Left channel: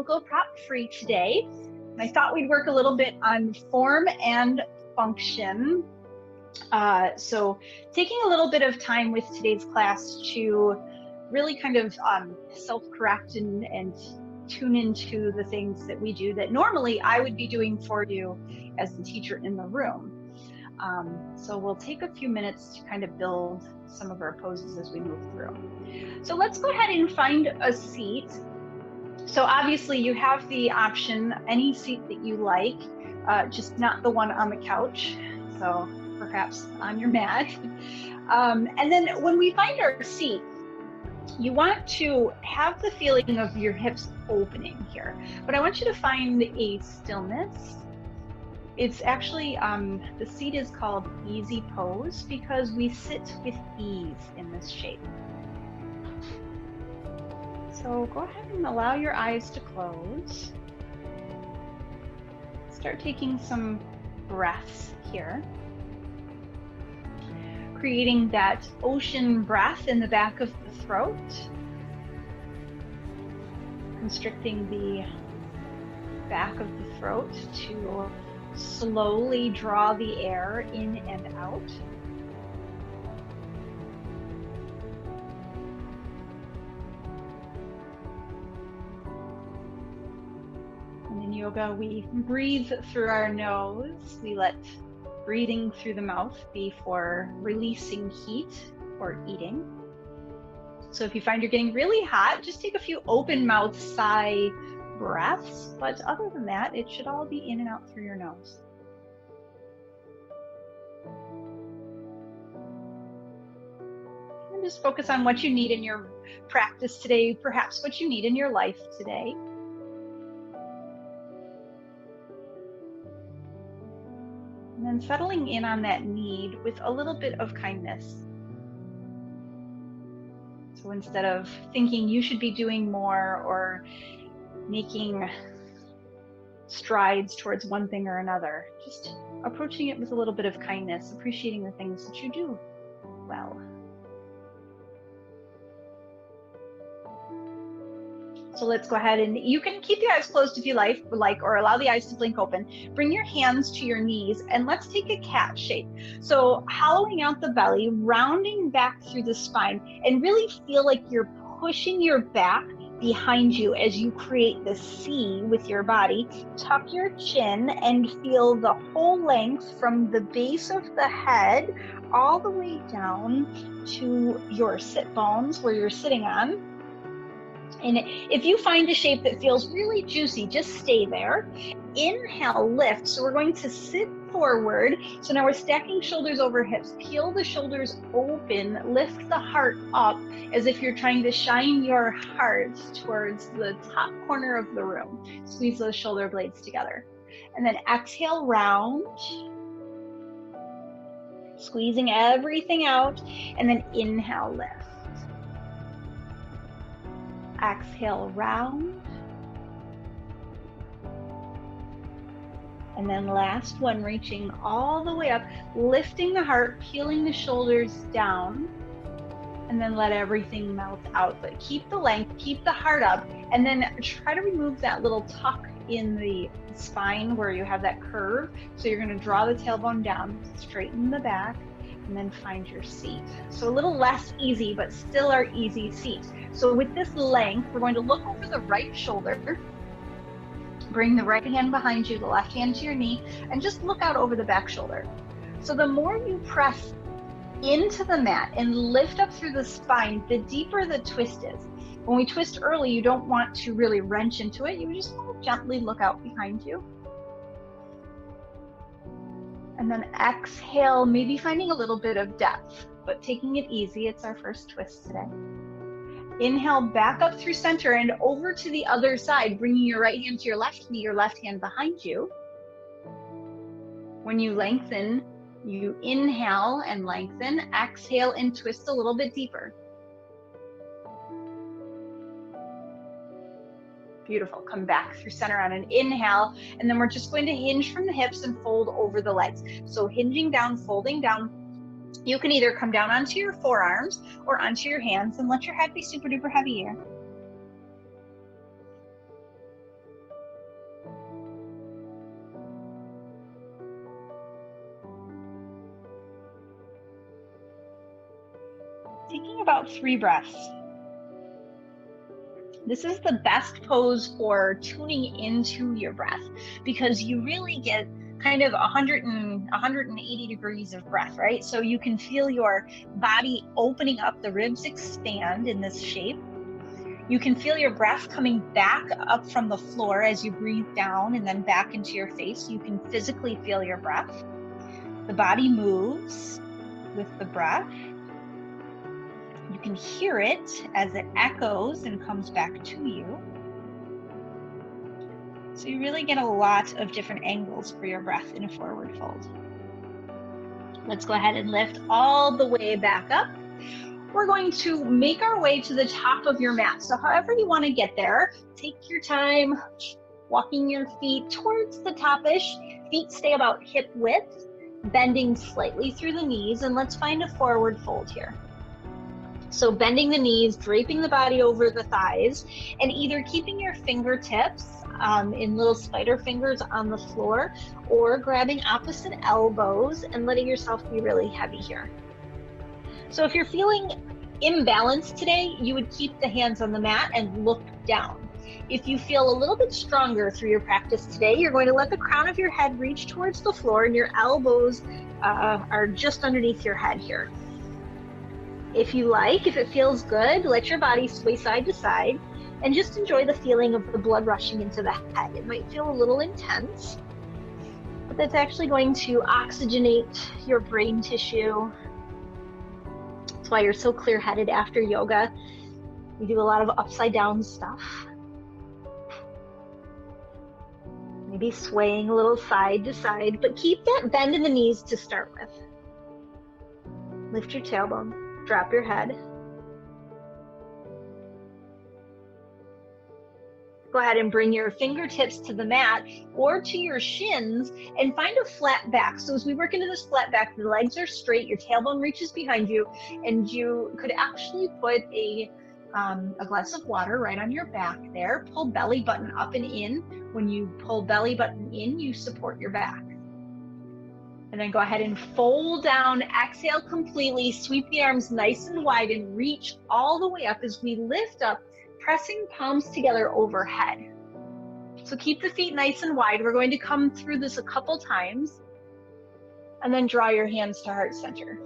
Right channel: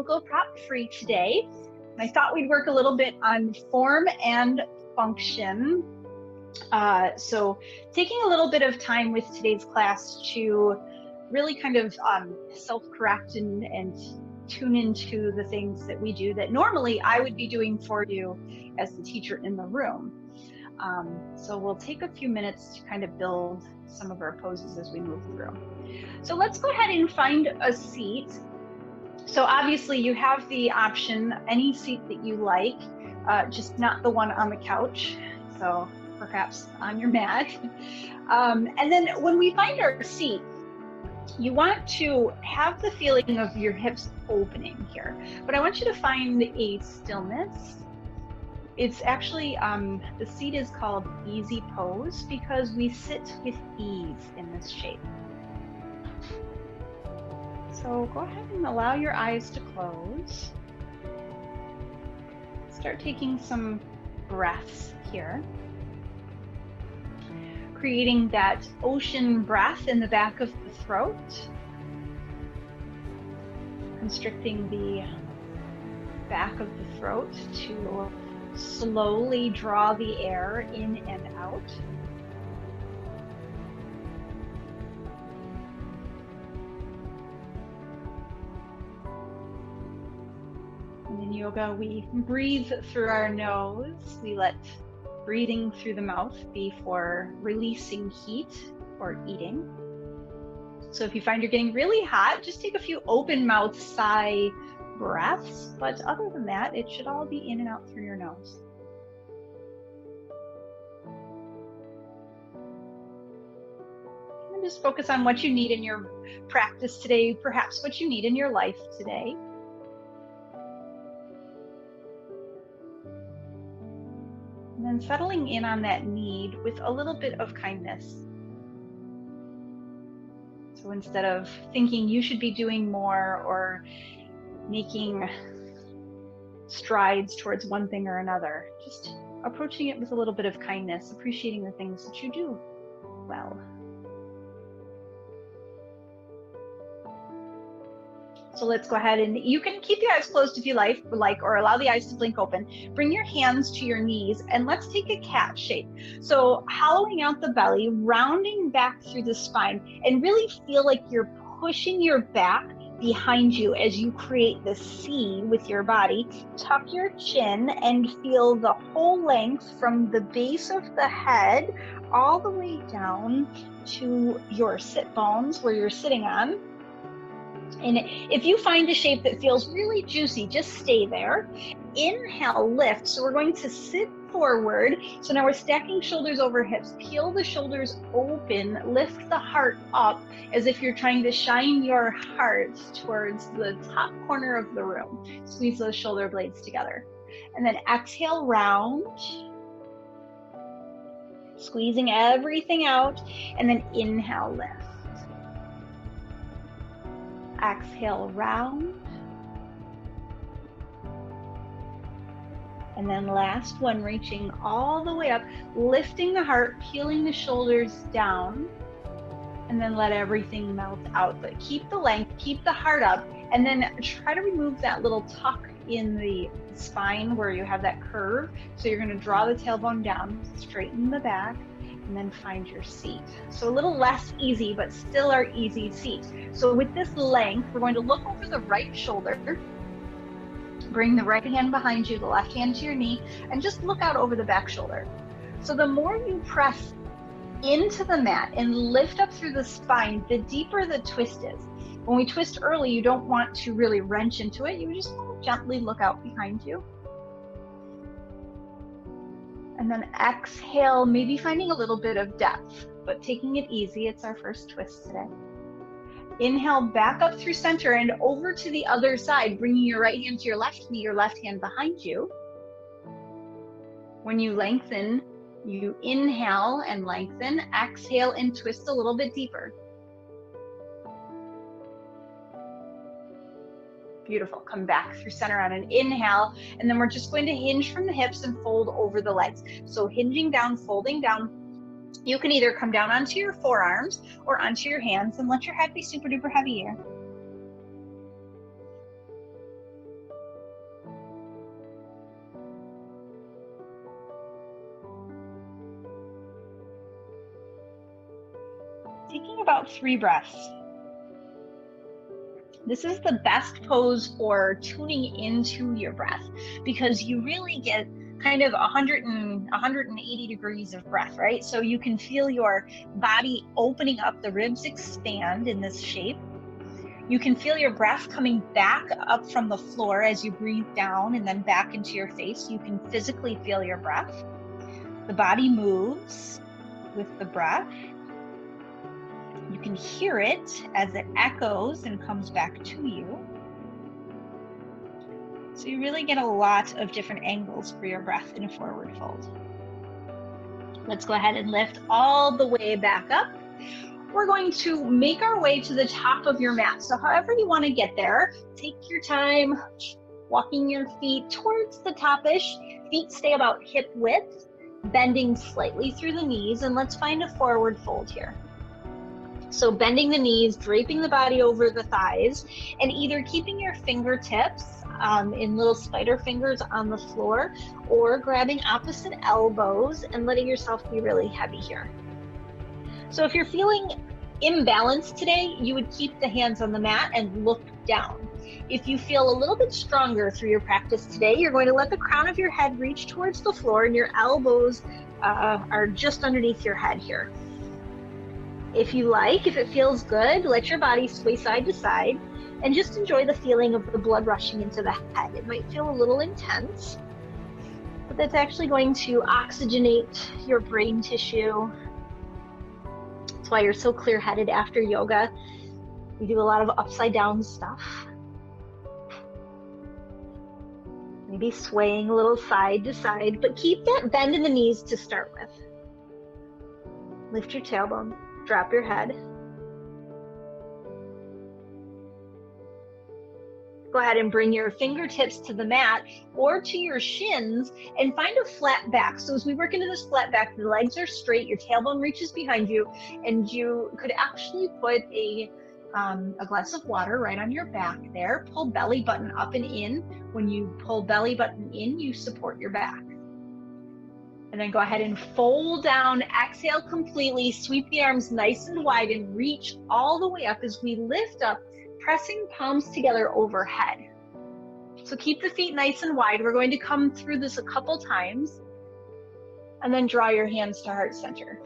we'll go prop free today. I thought we'd work a little bit on form and function. So taking a little bit of time with today's class to really kind of self-correct and tune into the things that we do that normally I would be doing for you as the teacher in the room. So we'll take a few minutes to kind of build some of our poses as we move through. So let's go ahead and find a seat. So obviously you have the option, any seat that you like, just not the one on the couch. So perhaps on your mat. And then when we find our seat, you want to have the feeling of your hips opening here, but I want you to find a stillness. It's actually, the seat is called easy pose because we sit with ease in this shape. So go ahead and allow your eyes to close. Start taking some breaths here. Creating that ocean breath in the back of the throat. Constricting the back of the throat to slowly draw the air in and out. And in yoga, we breathe through our nose. We let breathing through the mouth be for releasing heat or eating. So if you find you're getting really hot, just take a few open mouth sigh breaths. But other than that, it should all be in and out through your nose. And just focus on what you need in your practice today, perhaps what you need in your life today. And then settling in on that need with a little bit of kindness. So instead of thinking you should be doing more or making strides towards one thing or another, just approaching it with a little bit of kindness, appreciating the things that you do well. So let's go ahead and you can keep your eyes closed if you like, or allow the eyes to blink open. Bring your hands to your knees and let's take a cat shape. So hollowing out the belly, rounding back through the spine, and really feel like you're pushing your back behind you as you create the C with your body. Tuck your chin and feel the whole length from the base of the head all the way down to your sit bones where you're sitting on. And if you find a shape that feels really juicy, just stay there. Inhale, lift. So we're going to sit forward. So now we're stacking shoulders over hips. Peel the shoulders open. Lift the heart up as if you're trying to shine your heart towards the top corner of the room. Squeeze those shoulder blades together. And then exhale, round. Squeezing everything out. And then inhale, lift. Exhale, round. And then last one, reaching all the way up, lifting the heart, peeling the shoulders down, and then let everything melt out. But keep the length, keep the heart up, and then try to remove that little tuck in the spine where you have that curve. So you're going to draw the tailbone down, straighten the back, and then find your seat. So a little less easy, but still our easy seat. So with this length, we're going to look over the right shoulder, bring the right hand behind you, the left hand to your knee, and just look out over the back shoulder. So the more you press into the mat and lift up through the spine, the deeper the twist is. When we twist early, you don't want to really wrench into it. You just want to gently look out behind you. And then exhale, maybe finding a little bit of depth, but taking it easy. It's our first twist today. Inhale, back up through center and over to the other side, bringing your right hand to your left knee, your left hand behind you. When you lengthen, you inhale and lengthen, exhale and twist a little bit deeper. Beautiful. Come back through center on an inhale, and then we're just going to hinge from the hips and fold over the legs. So hinging down, folding down. You can either come down onto your forearms or onto your hands and let your head be super duper heavy here. taking about 3 breaths. This is the best pose for tuning into your breath because you really get kind of 180 degrees of breath, right? So you can feel your body opening up, the ribs expand in this shape. You can feel your breath coming back up from the floor as you breathe down and then back into your face. You can physically feel your breath. The body moves with the breath. You can hear it as it echoes and comes back to you. So you really get a lot of different angles for your breath in a forward fold. Let's go ahead and lift all the way back up. We're going to make our way to the top of your mat. So however you want to get there, take your time walking your feet towards the top-ish. Feet stay about hip width, bending slightly through the knees, and let's find a forward fold here. So bending the knees, draping the body over the thighs, and either keeping your fingertips in little spider fingers on the floor or grabbing opposite elbows and letting yourself be really heavy here. So if you're feeling imbalanced today, you would keep the hands on the mat and look down. If you feel a little bit stronger through your practice today, you're going to let the crown of your head reach towards the floor and your elbows are just underneath your head here. If you like, if it feels good, let your body sway side to side and just enjoy the feeling of the blood rushing into the head. It might feel a little intense, but that's actually going to oxygenate your brain tissue. That's why you're so clear-headed after yoga. We do a lot of upside down stuff. Maybe swaying a little side to side, but keep that bend in the knees to start with. Lift your tailbone. Drop your head. Go ahead and bring your fingertips to the mat or to your shins and find a flat back. So as we work into this flat back, the legs are straight, your tailbone reaches behind you, and you could actually put a glass of water right on your back there. Pull belly button up and in. When you pull belly button in, you support your back. And then go ahead and fold down, exhale completely, sweep the arms nice and wide and reach all the way up as we lift up, pressing palms together overhead. So keep the feet nice and wide. We're going to come through this a couple times and then draw your hands to heart center.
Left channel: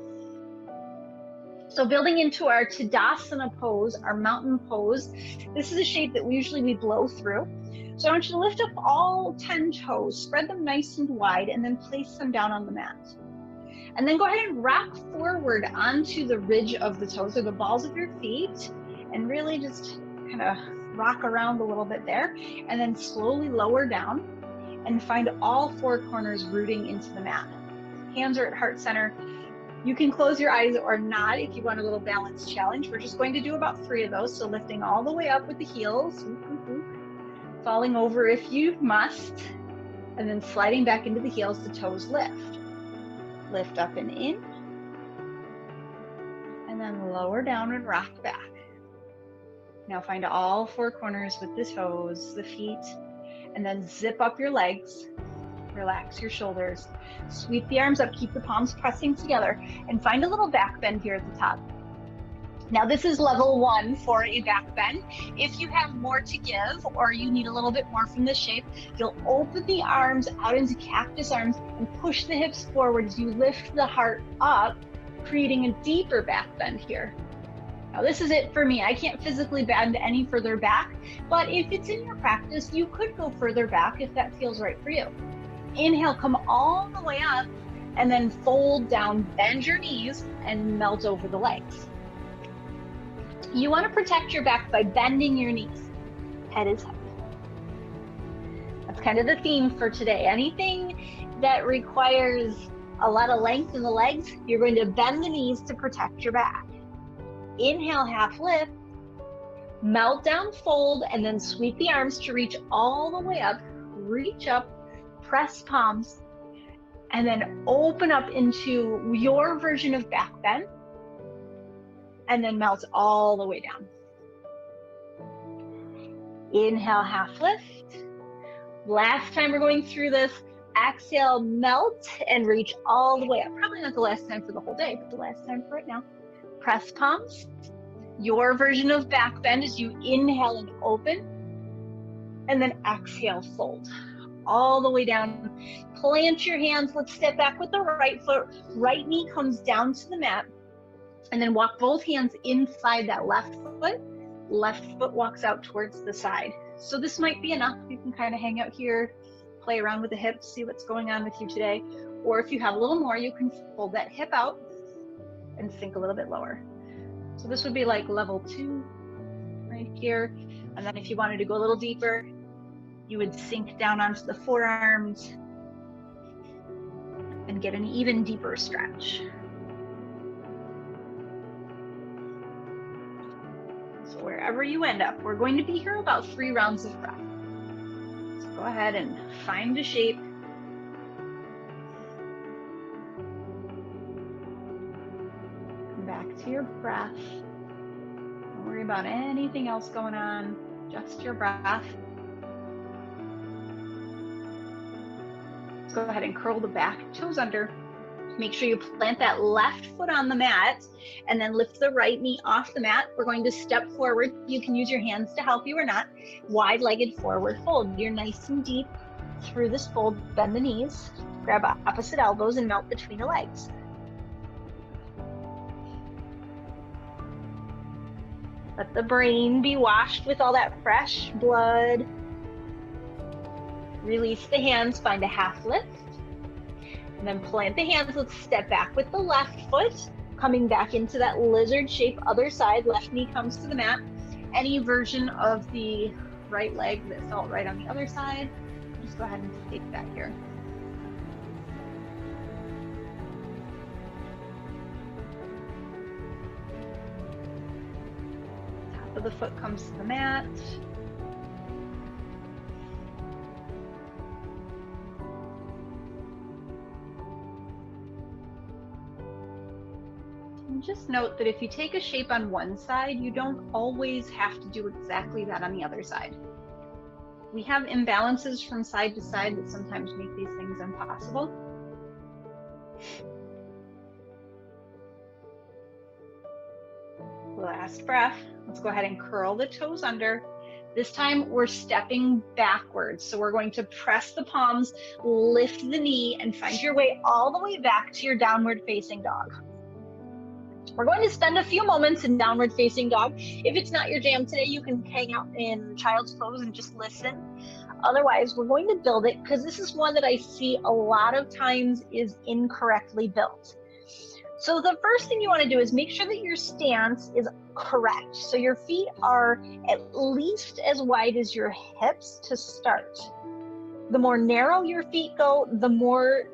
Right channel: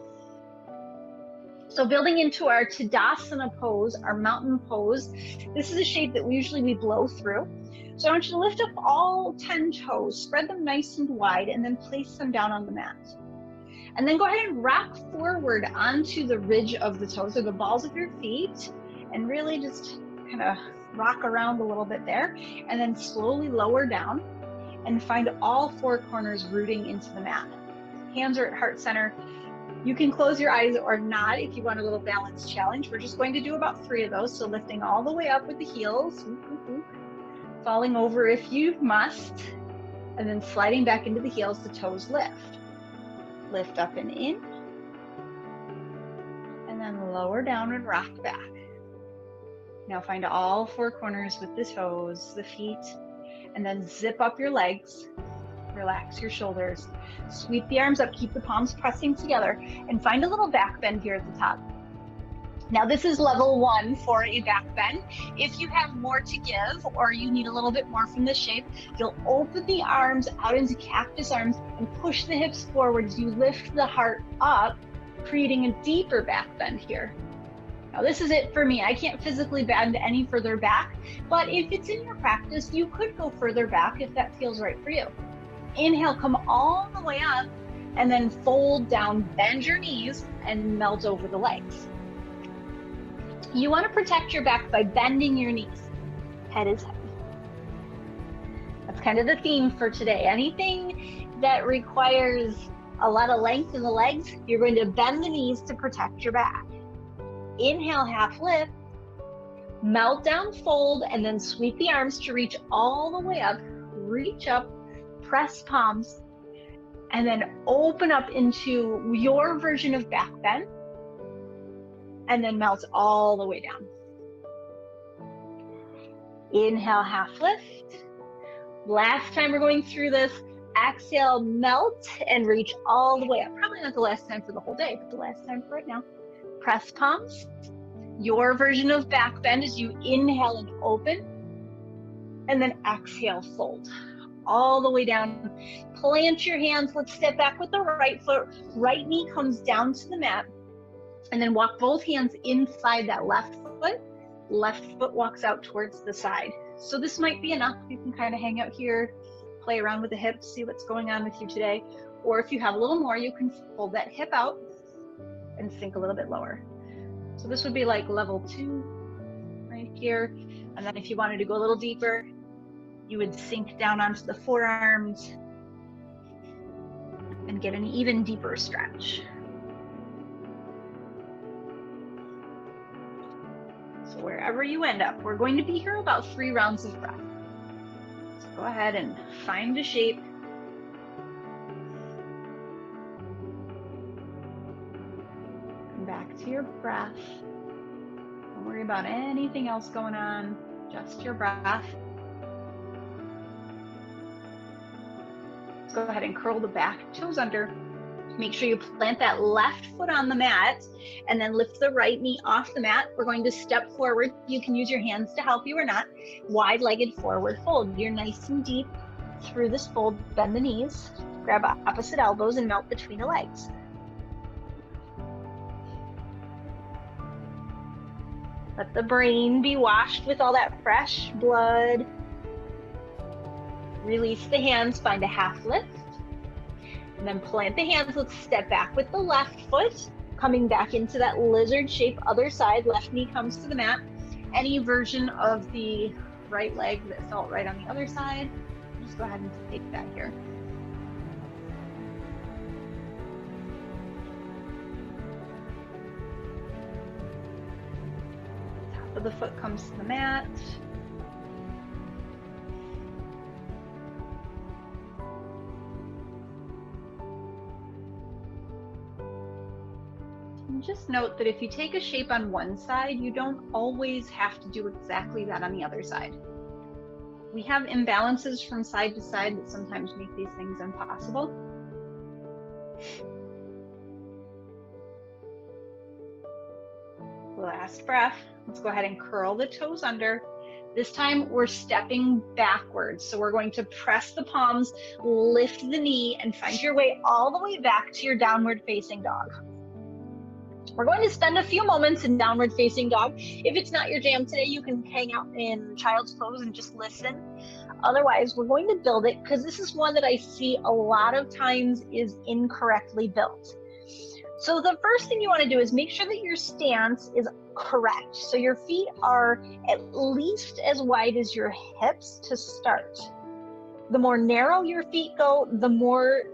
So building into our Tadasana pose, our mountain pose, this is a shape that we blow through. So I want you to lift up all 10 toes, spread them nice and wide, and then place them down on the mat. And then go ahead and rock forward onto the ridge of the toes or the balls of your feet, and really just kind of rock around a little bit there, and then slowly lower down and find all 4 corners rooting into the mat. Hands are at heart center. You can close your eyes or not if you want a little balance challenge. We're just going to do about 3 of those. So lifting all the way up with the heels, falling over if you must, and then sliding back into the heels, the toes lift. Lift up and in, and then lower down and rock back. Now find all 4 corners with the toes, the feet, and then zip up your legs. Relax your shoulders. Sweep the arms up, keep the palms pressing together, and find a little back bend here at the top. Now this is level 1 for a back bend. If you have more to give or you need a little bit more from this shape, you'll open the arms out into cactus arms and push the hips forward as you lift the heart up, creating a deeper back bend here. Now this is it for me. I can't physically bend any further back, but if it's in your practice, you could go further back if that feels right for you. Inhale, come all the way up, and then fold down, bend your knees, and melt over the legs. You want to protect your back by bending your knees. Head is heavy. That's kind of the theme for today. Anything that requires a lot of length in the legs, you're going to bend the knees to protect your back. Inhale, half lift, melt down, fold, and then sweep the arms to reach all the way up. Reach up, press palms, and then open up into your version of back bend, and then melt all the way down. Inhale, half lift. Last time we're going through this, exhale, melt, and reach all the way up. Probably not the last time for the whole day, but the last time for right now. press palms. Your version of back bend is you inhale and open, and then exhale, fold all the way down. Plant your hands. Let's step back with the right foot. Right knee comes down to the mat, and then walk both hands inside that left foot. Left foot walks out towards the side. So this might be enough. You can kind of hang out here, play around with the hips, see what's going on with you today. Or if you have a little more, you can fold that hip out and sink a little bit lower. So this would be like level 2 right here. And then if you wanted to go a little deeper, you would sink down onto the forearms and get an even deeper stretch. So wherever you end up, we're going to be here about 3 rounds of breath. So go ahead and find a shape. Come back to your breath. Don't worry about anything else going on, just your breath. Let's go ahead and curl the back toes under. Make sure you plant that left foot on the mat and then lift the right knee off the mat. We're going to step forward. You can use your hands to help you or not. Wide-legged forward fold. You're nice and deep through this fold. Bend the knees, grab opposite elbows and melt between the legs. Let the brain be washed with all that fresh blood. Release the hands, find a half lift. And then plant the hands. Let's step back with the left foot, coming back into that lizard shape, other side. Left knee comes to the mat. Any version of the right leg that felt right on the other side, just go ahead and take that here. Top of the foot comes to the mat. And just note that if you take a shape on one side, you don't always have to do exactly that on the other side. We have imbalances from side to side that sometimes make these things impossible. Last breath. Let's go ahead and curl the toes under. This time we're stepping backwards. So we're going to press the palms, lift the knee, and find your way all the way back to your downward facing dog. We're going to spend a few moments in downward facing dog. If it's not your jam today, you can hang out in child's pose and just listen. Otherwise, we're going to build it because this is one that I see a lot of times is incorrectly built. So the first thing you want to do is make sure that your stance is correct. So your feet are at least as wide as your hips to start. The more narrow your feet go, the more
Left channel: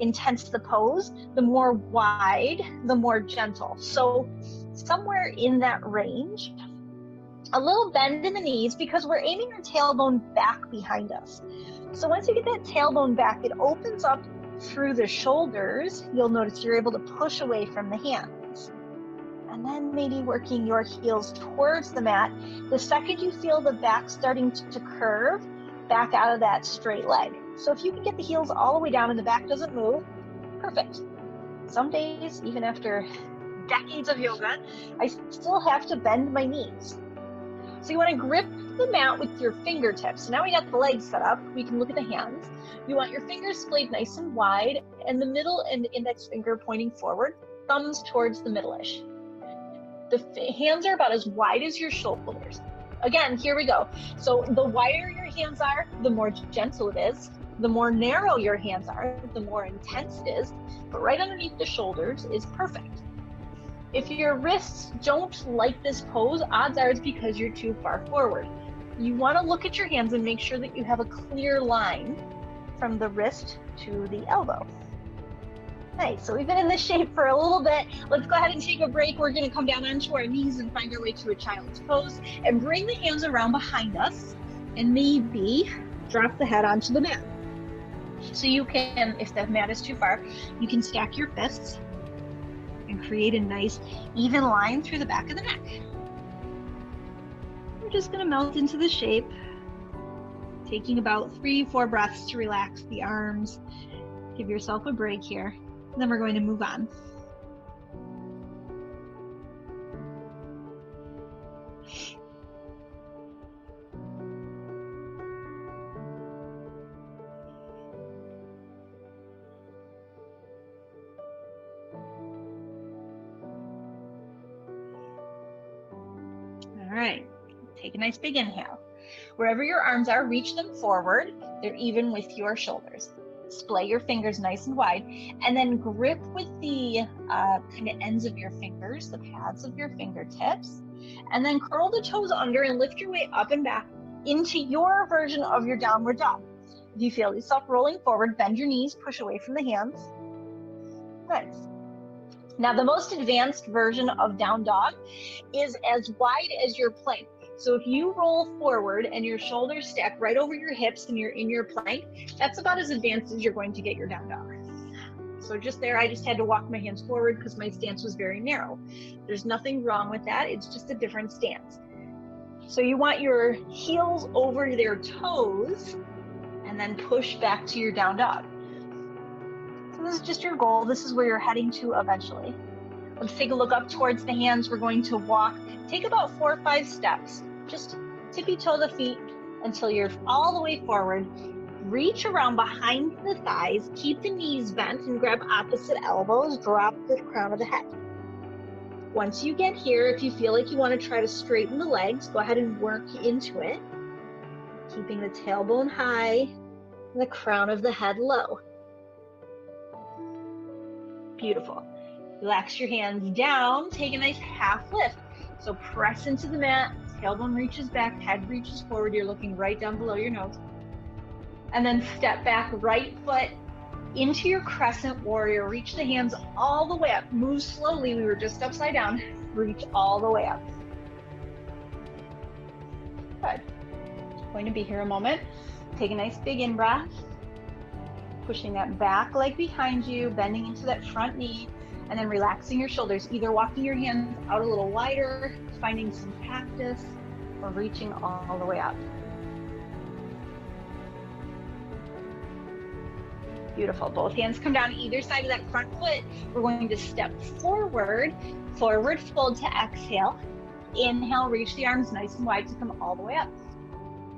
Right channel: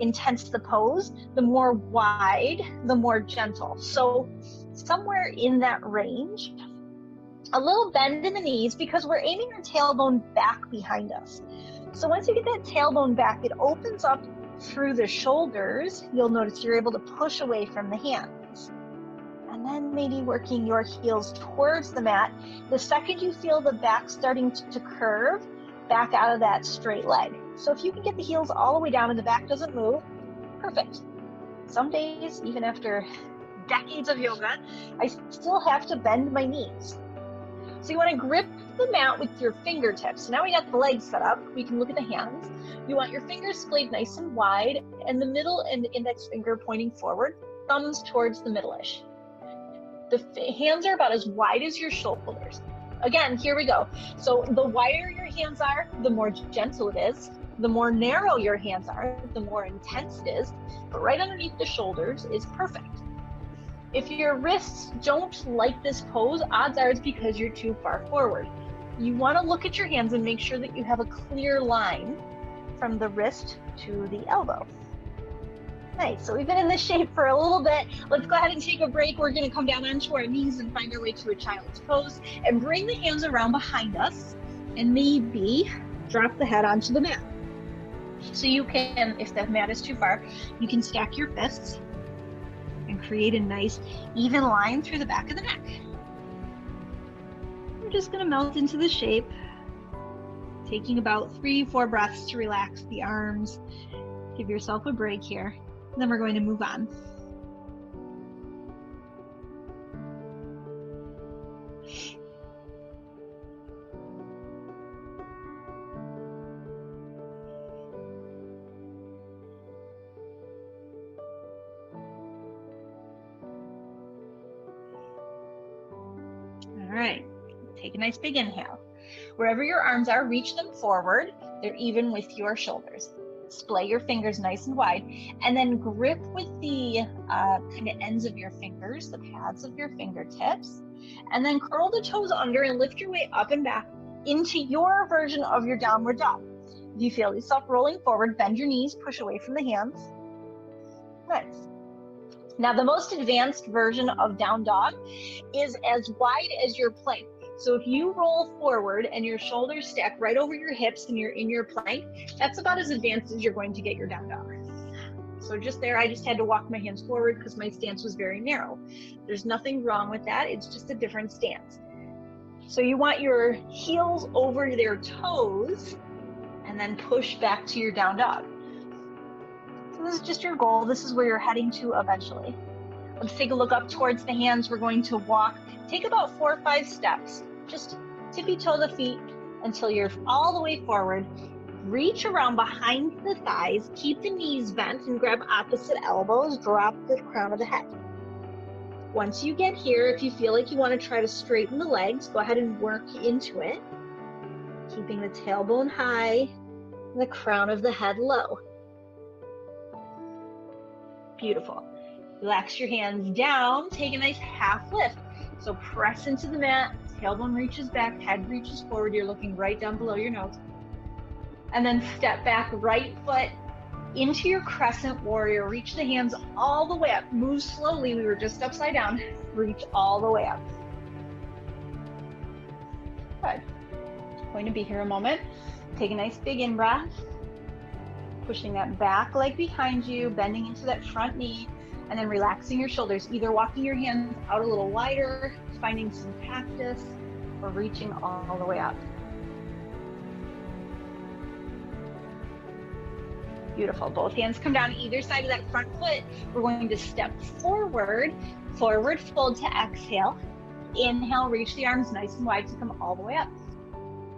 intense the pose, the more wide, the more gentle. So somewhere in that range, a little bend in the knees because we're aiming our tailbone back behind us. So once you get that tailbone back, it opens up through the shoulders. You'll notice you're able to push away from the hands. And then maybe working your heels towards the mat. The second you feel the back starting to curve, back out of that straight leg. So if you can get the heels all the way down and the back doesn't move, perfect. Some days, even after decades of yoga, I still have to bend my knees. So you want to grip the mat with your fingertips. So now we got the legs set up. We can look at the hands. You want your fingers splayed nice and wide and the middle and index finger pointing forward, thumbs towards the middle-ish. The hands are about as wide as your shoulders. Again, here we go. So the wider your hands are, the more gentle it is. The more narrow your hands are, the more intense it is. But right underneath the shoulders is perfect. If your wrists don't like this pose, odds are it's because you're too far forward. You want to look at your hands and make sure that you have a clear line from the wrist to the elbow. Nice, so we've been in this shape for a little bit. Let's go ahead and take a break. We're gonna come down onto our knees and find our way to a child's pose and bring the hands around behind us and maybe drop the head onto the mat. So you can, if the mat is too far, you can stack your fists and create a nice even line through the back of the neck. We're just gonna melt into the shape, taking about 3-4 breaths to relax the arms. Give yourself a break here. Then we're going to move on. All right, take a nice big inhale. Wherever your arms are, reach them forward. They're even with your shoulders. Splay your fingers nice and wide, and then grip with the kind of ends of your fingers, the pads of your fingertips, and then curl the toes under and lift your way up and back into your version of your downward dog. If you feel yourself rolling forward, bend your knees, push away from the hands. Nice. Now, the most advanced version of down dog is as wide as your plank. So if you roll forward and your shoulders stack right over your hips and you're in your plank, that's about as advanced as you're going to get your down dog. So just there, I just had to walk my hands forward because my stance was very narrow. There's nothing wrong with that. It's just a different stance. So you want your heels over their toes and then push back to your down dog. So this is just your goal. This is where you're heading to eventually. Let's take a look up towards the hands. We're going to walk, take about 4 or 5 steps. Just tippy toe the feet until you're all the way forward. Reach around behind the thighs, keep the knees bent and grab opposite elbows, drop the crown of the head. Once you get here, if you feel like you want to try to straighten the legs, go ahead and work into it. Keeping the tailbone high and the crown of the head low. Beautiful. Relax your hands down, take a nice half lift. So press into the mat, tailbone reaches back, head reaches forward, you're looking right down below your nose. And then step back, right foot into your crescent warrior, reach the hands all the way up, move slowly, we were just upside down, reach all the way up. Good. Going to be here a moment. Take a nice big in-breath, pushing that back leg behind you, bending into that front knee, and then relaxing your shoulders, either walking your hands out a little wider, finding some cactus, or reaching all the way up. Beautiful. Both hands come down either side of that front foot. We're going to step forward, forward fold to exhale. Inhale, reach the arms nice and wide to come all the way up.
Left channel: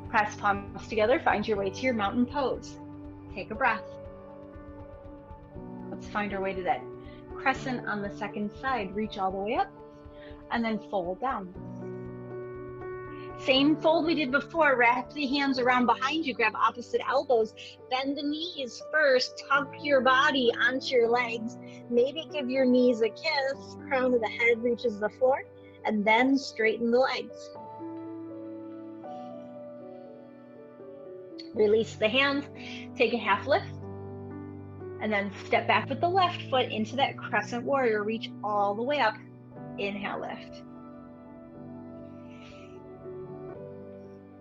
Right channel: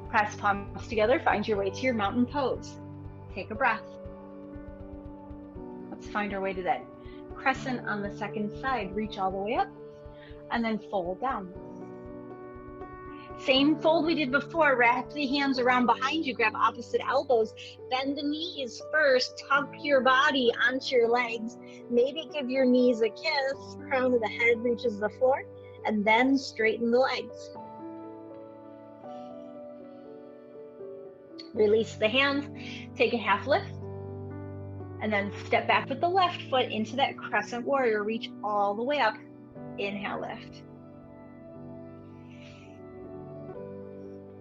Press palms together, find your way to your mountain pose. Take a breath. Let's find our way to that crescent on the second side. Reach all the way up and then fold down. Same fold we did before. Wrap the hands around behind you, grab opposite elbows, bend the knees first, tuck your body onto your legs, maybe give your knees a kiss, crown of the head reaches the floor, and then straighten the legs. Release the hands, take a half lift, and then step back with the left foot into that crescent warrior, reach all the way up, inhale, lift.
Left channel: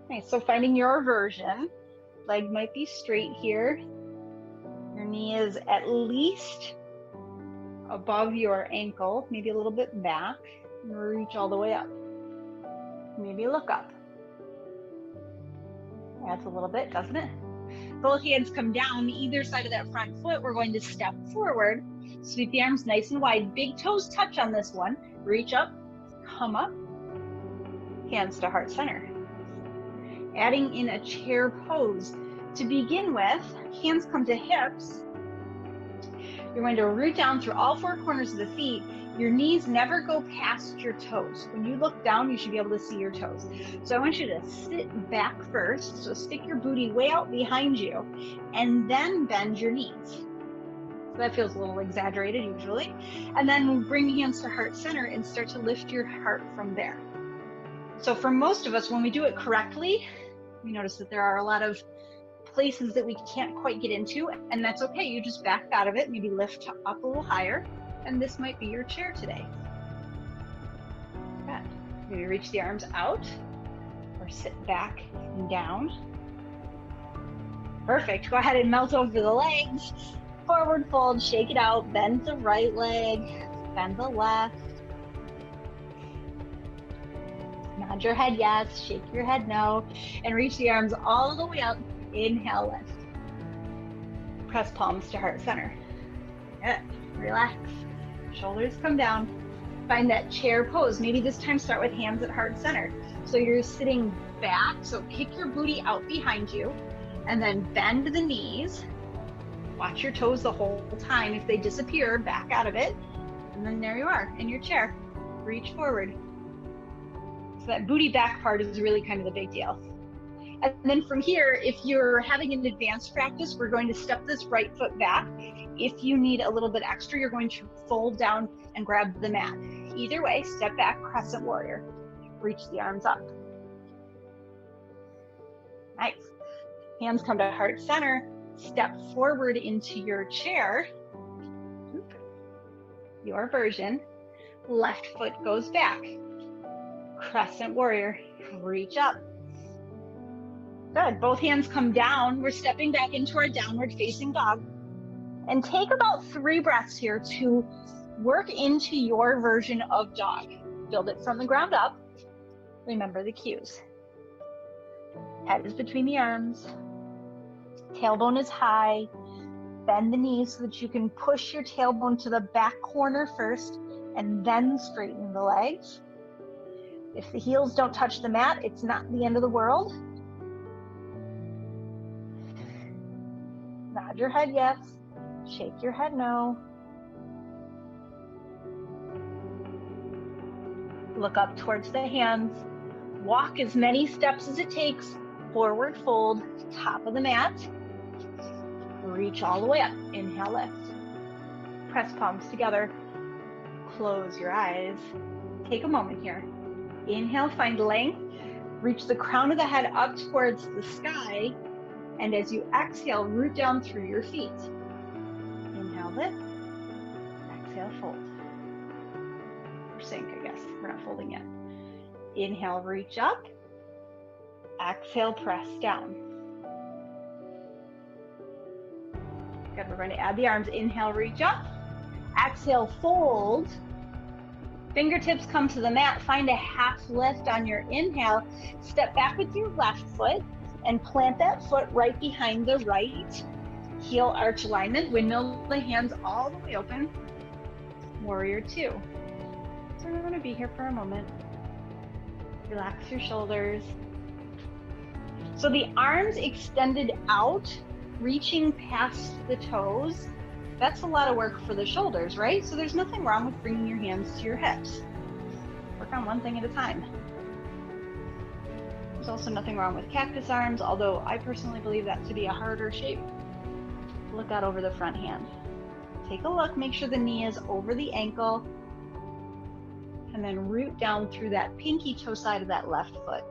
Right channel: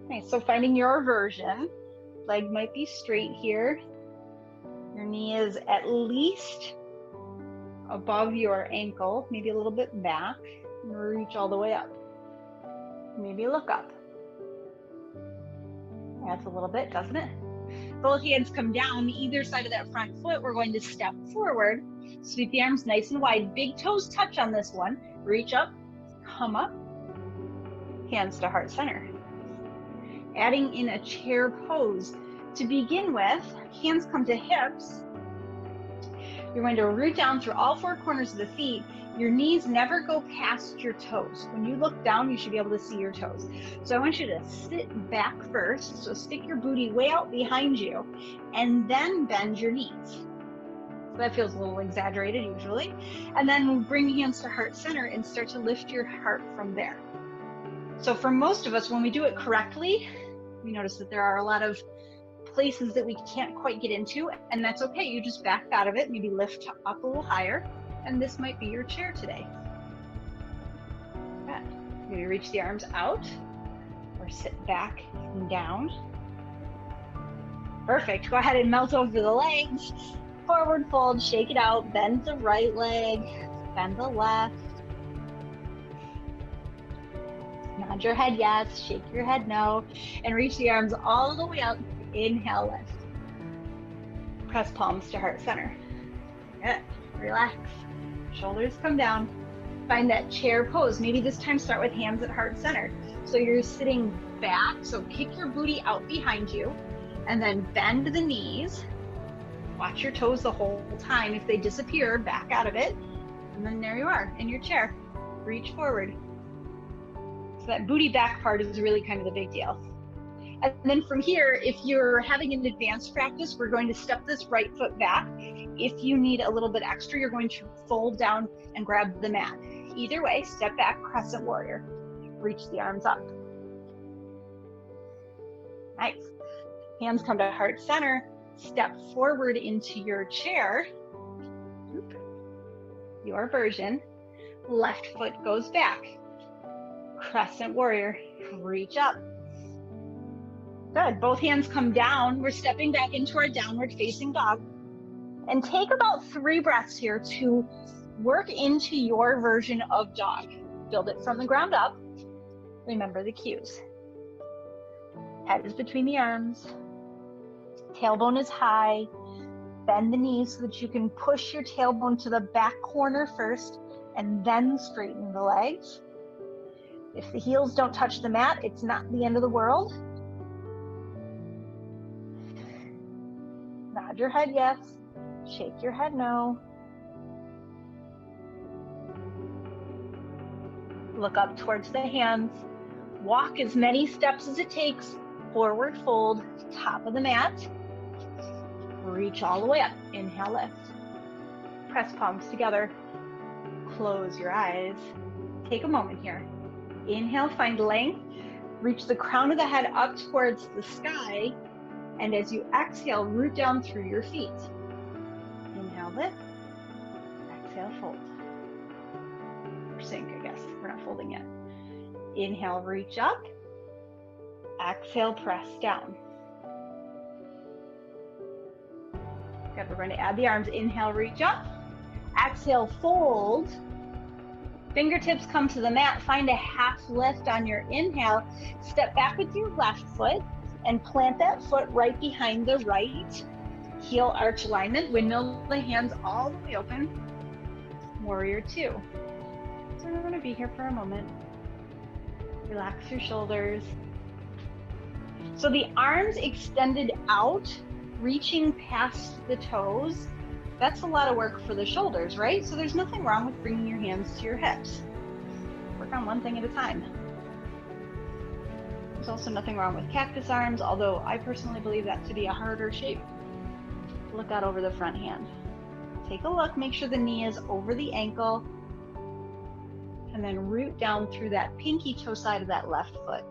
Nice, so finding your version, leg might be straight here, your knee is at least above your ankle, maybe a little bit back, and reach all the way up. Maybe look up. That's a little bit, doesn't it? Both hands come down either side of that front foot. We're going to step forward, sweep the arms nice and wide, big toes touch on this one, reach up, come up, hands to heart center. Adding in a chair pose. To begin with, hands come to hips. You're going to root down through all 4 corners of the feet. Your knees never go past your toes. When you look down, you should be able to see your toes. So I want you to sit back first. So stick your booty way out behind you and then bend your knees. So that feels a little exaggerated usually. And then bring hands to heart center and start to lift your heart from there. So for most of us, when we do it correctly, we notice that there are a lot of places that we can't quite get into, and that's okay. You just back out of it, maybe lift up a little higher, and this might be your chair today. Good. Maybe reach the arms out or sit back and down. Perfect. Go ahead and melt over the legs. Forward fold, shake it out, bend the right leg, bend the left. Nod your head yes, shake your head no, and reach the arms all the way up. Inhale, lift. Press palms to heart center. Good. Relax. Shoulders come down. Find that chair pose. Maybe this time start with hands at heart center. So you're sitting back, so kick your booty out behind you, and then bend the knees. Watch your toes the whole time. If they disappear, back out of it. And then there you are in your chair. Reach forward. that booty back part is really kind of the big deal. And then from here, if you're having an advanced practice, we're going to step this right foot back. If you need a little bit extra, you're going to fold down and grab the mat. Either way, step back, crescent warrior. Reach the arms up. Nice. Hands come to heart center. Step forward into your chair. Your version. Left foot goes back. Crescent warrior. Reach up. Good. Both hands come down. We're stepping back into our downward facing dog. And take about 3 breaths here to work into your version of dog. Build it from the ground up. Remember the cues. Head is between the arms. Tailbone is high. Bend the knees so that you can push your tailbone to the back corner first and then straighten the legs. If the heels don't touch the mat, it's not the end of the world. Nod your head yes, shake your head no. Look up towards the hands. Walk as many steps as it takes. Forward fold, top of the mat. Reach all the way up. Inhale, lift. Press palms together. Close your eyes. Take a moment here. Inhale, find length. Reach the crown of the head up towards the sky. And as you exhale, root down through your feet. Inhale, lift. Exhale, fold. Or sink, I guess. We're not folding yet. Inhale, reach up. Exhale, press down. Good, we're going to add the arms. Inhale, reach up. Exhale, fold. Fingertips come to the mat. Find a half lift on your inhale. Step back with your left foot and plant that foot right behind the right. Heel arch alignment. Windmill the hands all the way open. Warrior two. So we're going to be here for a moment. Relax your shoulders. So the arms extended out, reaching past the toes. That's a lot of work for the shoulders, right? So there's nothing wrong with bringing your hands to your hips. Work on one thing at a time. There's also nothing wrong with cactus arms, although I personally believe that to be a harder shape. Look out over the front hand. Take a look, make sure the knee is over the ankle, and then root down through that pinky toe side of that left foot.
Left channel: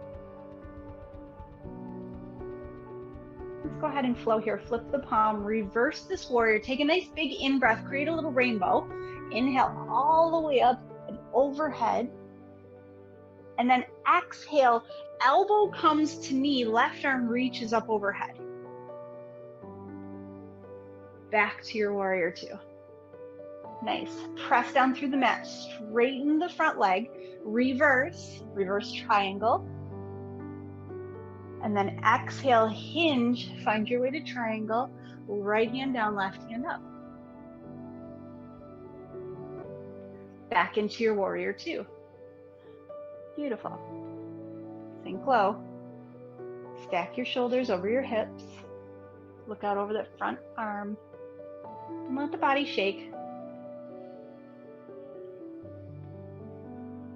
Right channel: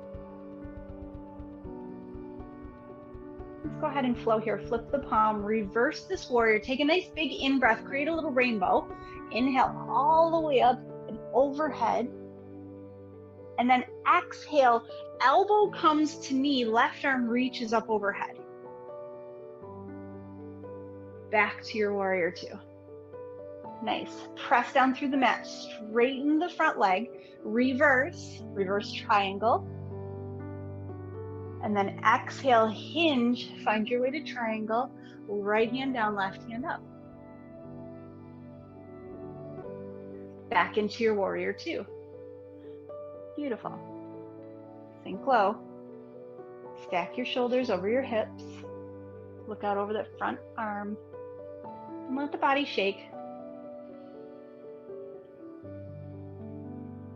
Let's go ahead and flow here. Flip the palm, reverse this warrior. Take a nice big in-breath, create a little rainbow. Inhale all the way up and overhead. And then exhale, elbow comes to knee, left arm reaches up overhead. Back to your warrior two. Nice. Press down through the mat, straighten the front leg, reverse triangle. And then exhale, hinge, find your way to triangle, right hand down, left hand up. Back into your warrior two. Beautiful. Sink low. Stack your shoulders over your hips. Look out over that front arm. And let the body shake.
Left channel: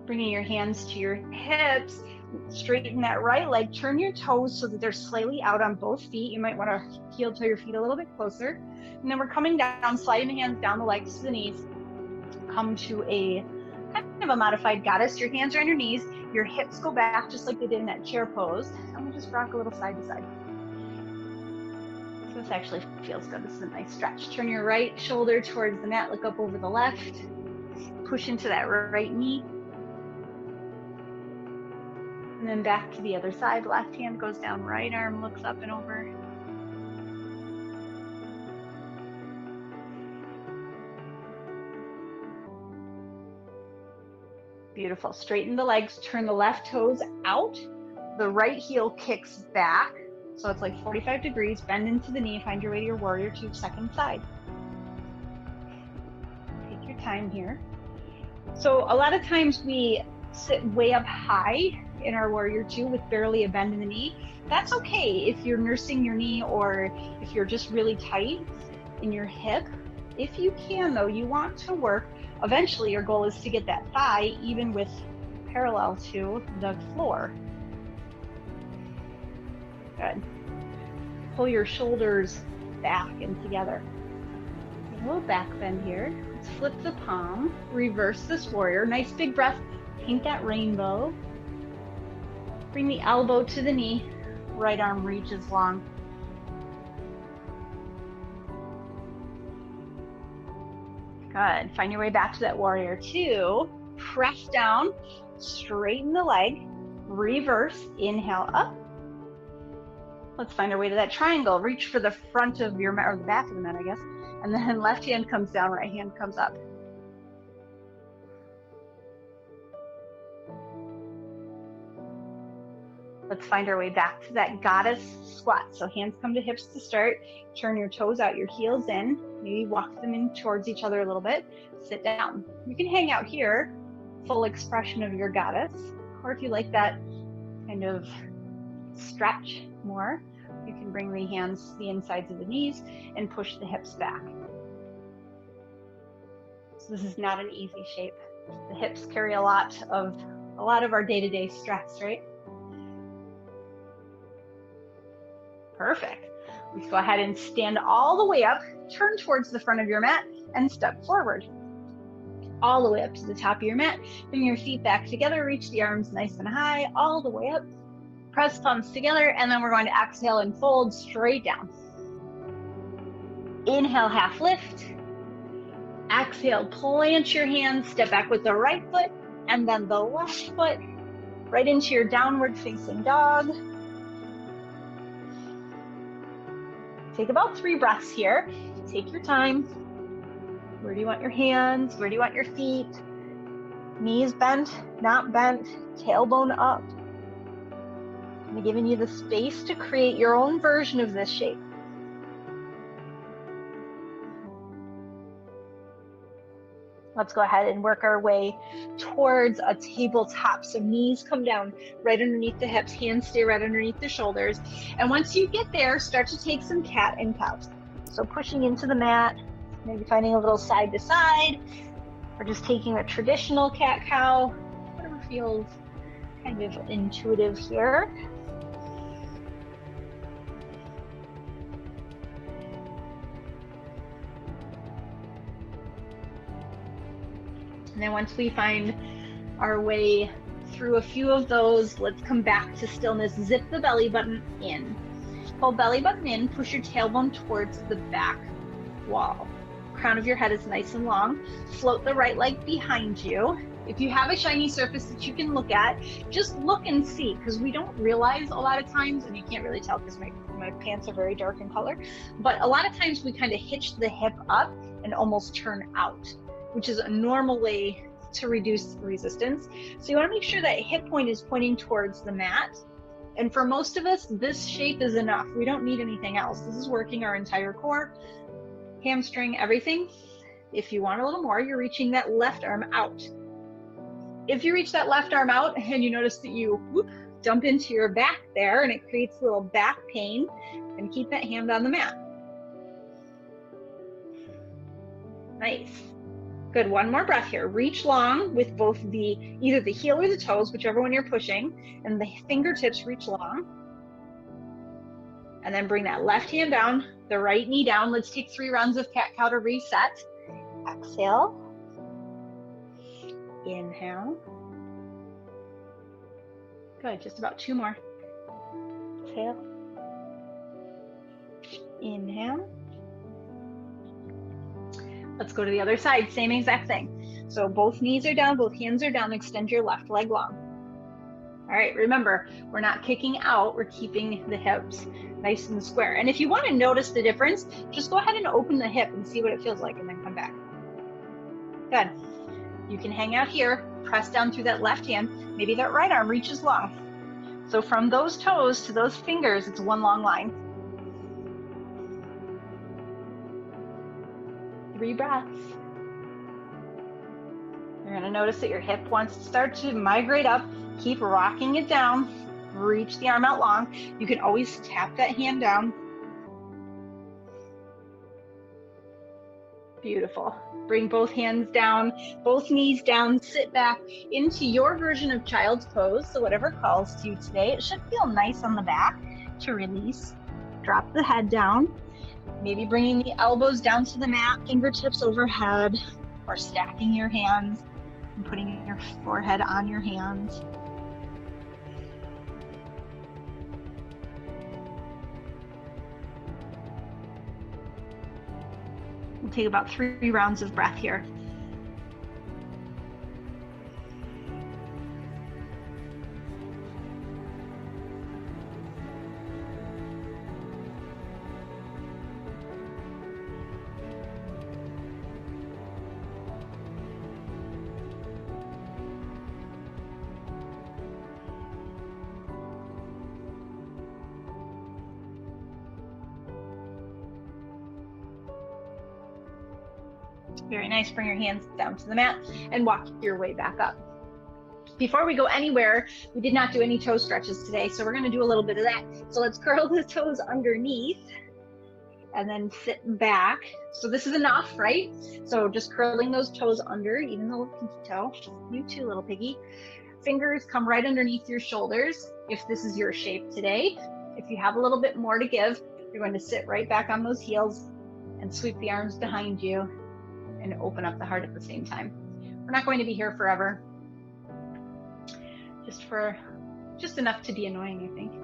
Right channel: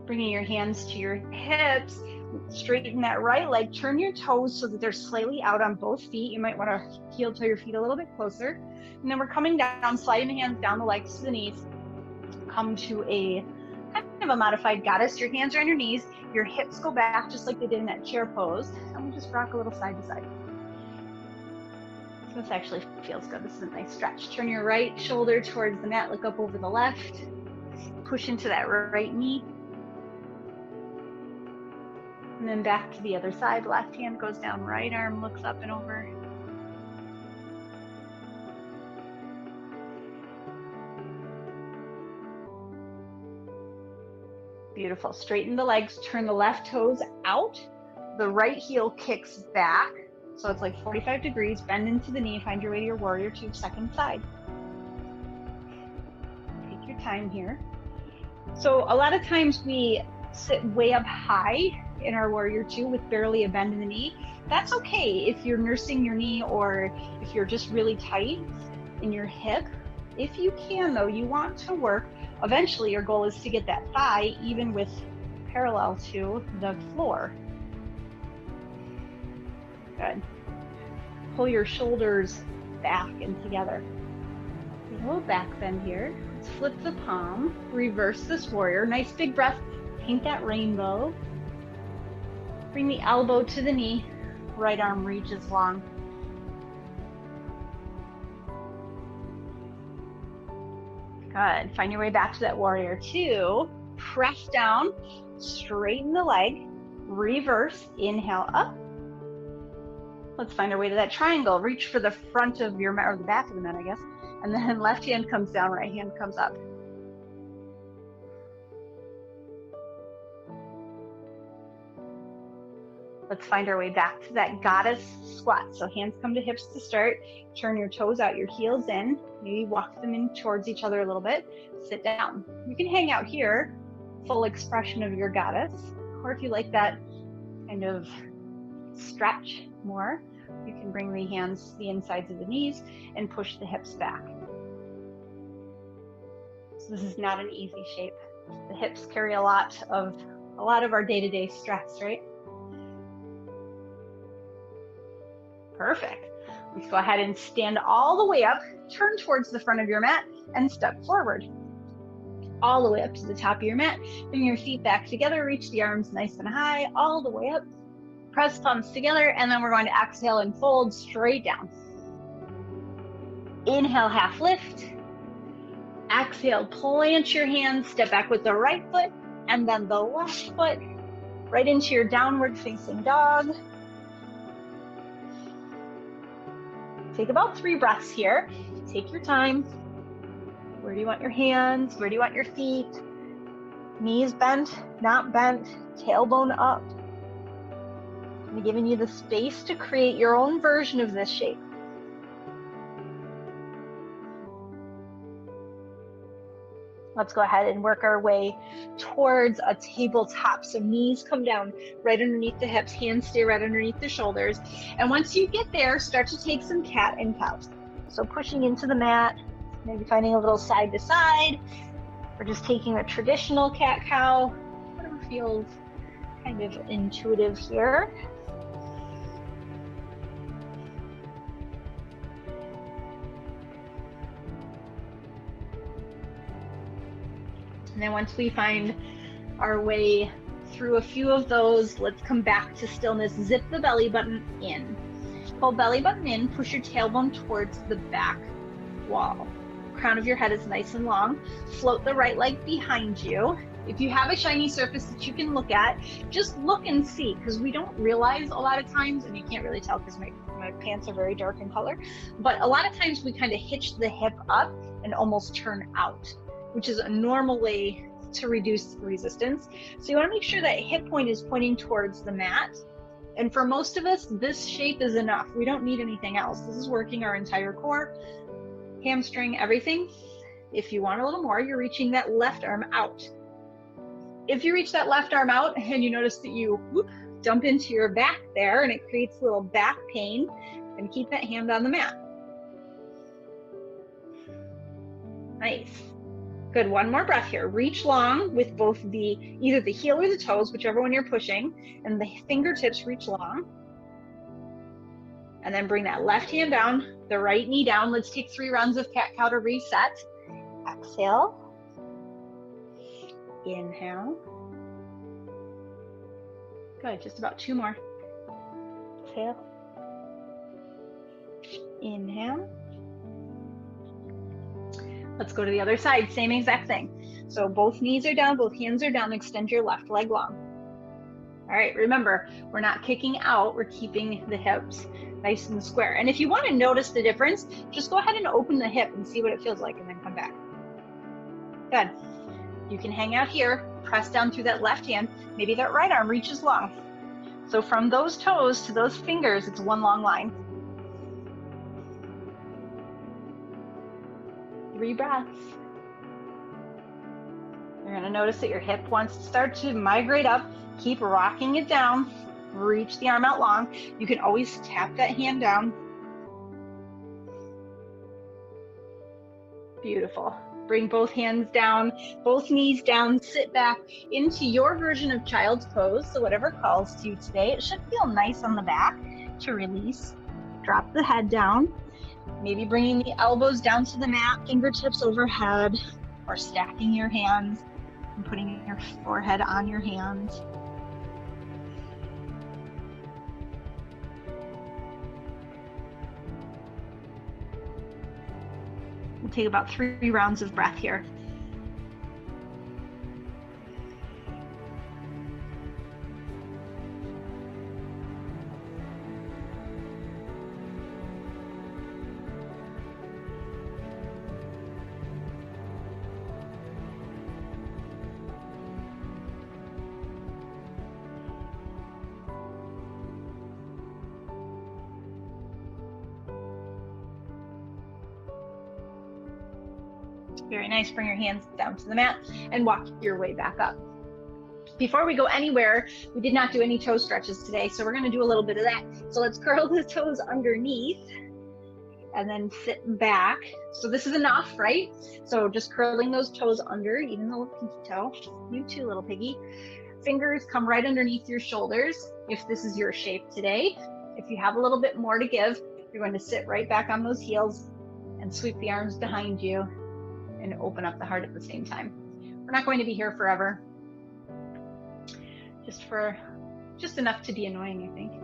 Bringing your hands to your hips. Straighten that right leg, turn your toes so that they're slightly out on both feet. You might want to heel toe your feet a little bit closer. And then we're coming down, sliding the hands down the legs to the knees. Come to a kind of a modified goddess. Your hands are on your knees. Your hips go back just like they did in that chair pose. And we'll just rock a little side to side. So this actually feels good. This is a nice stretch. Turn your right shoulder towards the mat. Look up over the left. Push into that right knee. And then back to the other side. Left hand goes down, right arm looks up and over. Beautiful. Straighten the legs, turn the left toes out. The right heel kicks back. So it's like 45 degrees. Bend into the knee, find your way to your warrior two, second side. Take your time here. So a lot of times we sit way up high in our warrior two with barely a bend in the knee. That's okay if you're nursing your knee or if you're just really tight in your hip. If you can though, you want to work, eventually your goal is to get that thigh even with parallel to the floor. Good. Pull your shoulders back and together. A little back bend here. Let's flip the palm, reverse this warrior. Nice big breath, paint that rainbow. Bring the elbow to the knee, right arm reaches long. Good, find your way back to that warrior two. Press down, straighten the leg, reverse, inhale up. Let's find our way to that triangle. Reach for the front of your mat, or the back of the mat, I guess. And then left hand comes down, right hand comes up. Let's find our way back to that goddess squat. So hands come to hips to start. Turn your toes out, your heels in. Maybe walk them in towards each other a little bit. Sit down. You can hang out here, full expression of your goddess. Or if you like that kind of stretch more, you can bring the hands to the insides of the knees and push the hips back. So this is not an easy shape. The hips carry a lot of our day-to-day stress, right? Perfect. Let's go ahead and stand all the way up, turn towards the front of your mat, and step forward. All the way up to the top of your mat. Bring your feet back together, reach the arms nice and high, all the way up. Press palms together, and then we're going to exhale and fold straight down. Inhale, half lift. Exhale, plant your hands, step back with the right foot, and then the left foot, right into your downward facing dog. Take about 3 breaths here. Take your time. Where do you want your hands? Where do you want your feet? Knees bent, not bent, tailbone up. I'm giving you the space to create your own version of this shape. Let's go ahead and work our way towards a tabletop. So knees come down right underneath the hips, hands stay right underneath the shoulders. And once you get there, start to take some cat and cows. So pushing into the mat, maybe finding a little side to side, or just taking a traditional cat-cow, whatever feels kind of intuitive here. And then once we find our way through a few of those, let's come back to stillness. Zip the belly button in. Pull belly button in, push your tailbone towards the back wall. Crown of your head is nice and long. Float the right leg behind you. If you have a shiny surface that you can look at, just look and see, because we don't realize a lot of times, and you can't really tell because my pants are very dark in color, but a lot of times we kind of hitch the hip up and almost turn out, which is a normal way to reduce resistance. So you want to make sure that hip point is pointing towards the mat. And for most of us, this shape is enough. We don't need anything else. This is working our entire core, hamstring, everything. If you want a little more, you're reaching that left arm out. If you reach that left arm out and you notice that you dump into your back there and it creates a little back pain, then keep that hand on the mat. Nice. Good, one more breath here. Reach long with both either the heel or the toes, whichever one you're pushing, and the fingertips reach long. And then bring that left hand down, the right knee down. Let's take 3 rounds of cat-cow to reset. Exhale. Inhale. Good, just about 2 more. Exhale. Inhale. Let's go to the other side, same exact thing. So both knees are down, both hands are down, extend your left leg long. All right, remember, we're not kicking out, we're keeping the hips nice and square. And if you want to notice the difference, just go ahead and open the hip and see what it feels like and then come back. Good. You can hang out here, press down through that left hand, maybe that right arm reaches long. So from those toes to those fingers, it's one long line. 3 breaths. You're going to notice that your hip wants to start to migrate up. Keep rocking it down. Reach the arm out long. You can always tap that hand down. Beautiful. Bring both hands down, both knees down, sit back into your version of child's pose. So whatever calls to you today, it should feel nice on the back to release. Drop the head down, maybe bringing the elbows down to the mat, fingertips overhead, or stacking your hands and putting your forehead on your hands. We'll take about 3 rounds of breath here. Very nice. Bring your hands down to the mat and walk your way back up. Before we go anywhere, we did not do any toe stretches today, so we're going to do a little bit of that. So let's curl the toes underneath and then sit back. So this is enough, right? So just curling those toes under, even the little pinky toe. You too, little piggy. Fingers come right underneath your shoulders if this is your shape today. If you have a little bit more to give, you're going to sit right back on those heels and sweep the arms behind you and open up the heart at the same time. We're not going to be here forever. Just enough to be annoying, I think.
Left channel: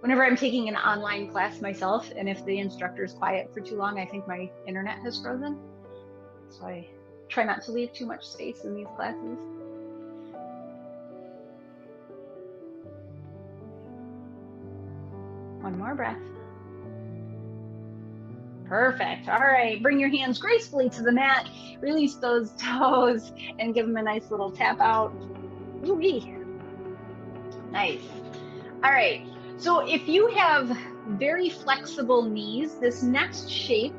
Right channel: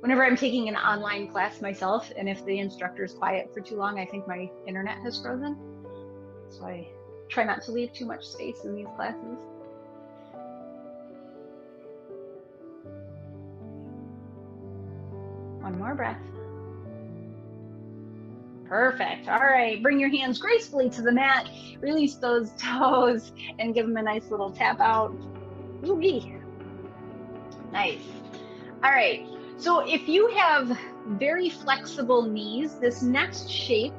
Whenever I'm taking an online class myself, and if the instructor is quiet for too long, I think my internet has frozen. So I try not to leave too much space in these classes. One more breath. Perfect. All right, bring your hands gracefully to the mat, release those toes, and give them a nice little tap out. Ooh-wee. Nice. All right, so if you have very flexible knees, this next shape,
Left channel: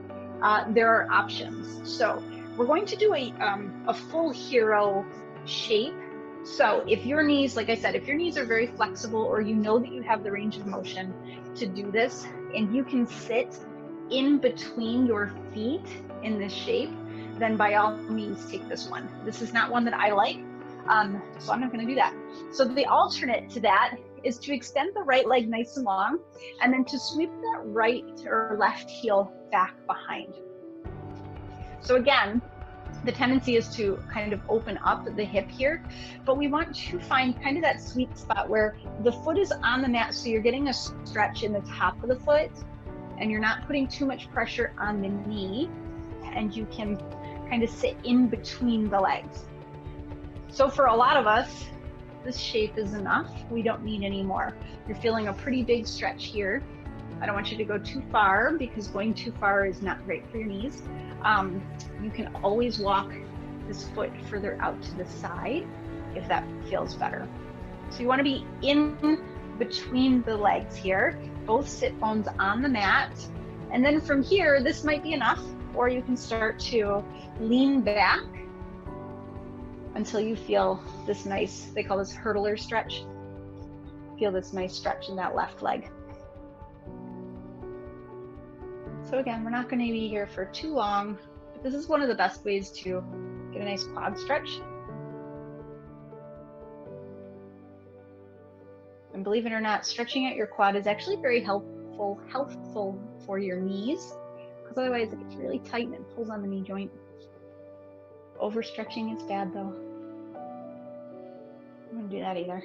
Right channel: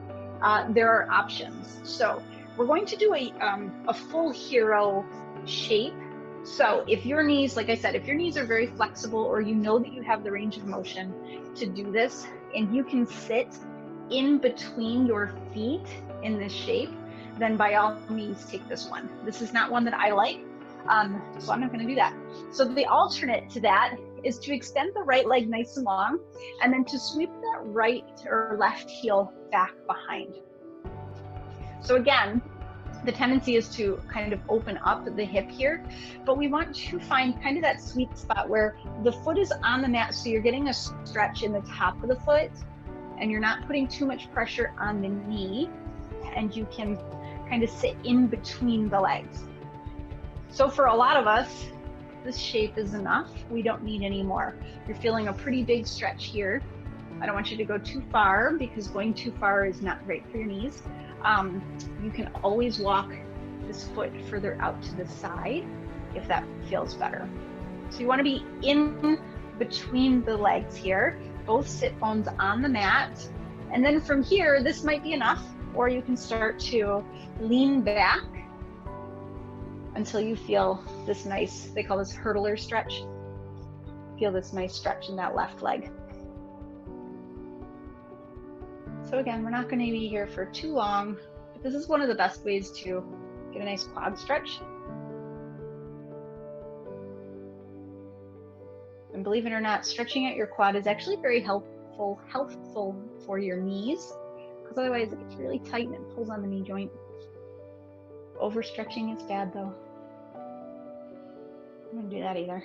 there are options. So we're going to do a full hero shape. So if your knees, like I said, if your knees are very flexible, or you know that you have the range of motion to do this, and you can sit in between your feet in this shape, then by all means take this one. This is not one that I like, so I'm not going to do that. So the alternate to that is to extend the right leg nice and long, and then to sweep that right or left heel back behind. So again, the tendency is to kind of open up the hip here, but we want to find kind of that sweet spot where the foot is on the mat, so you're getting a stretch in the top of the foot, and you're not putting too much pressure on the knee, and you can kind of sit in between the legs. So for a lot of us, this shape is enough. We don't need any more. You're feeling a pretty big stretch here. I don't want you to go too far, because going too far is not great for your knees. You can always walk this foot further out to the side if that feels better. So you want to be in between the legs here, both sit bones on the mat. And then from here, this might be enough, or you can start to lean back until you feel this nice, they call this hurdler stretch. Feel this nice stretch in that left leg. So again, we're not going to be here for too long, but this is one of the best ways to get a nice quad stretch. And believe it or not, stretching out your quad is actually very helpful for your knees, because otherwise it gets really tight and it pulls on the knee joint. Overstretching is bad though. I don't want to do that either.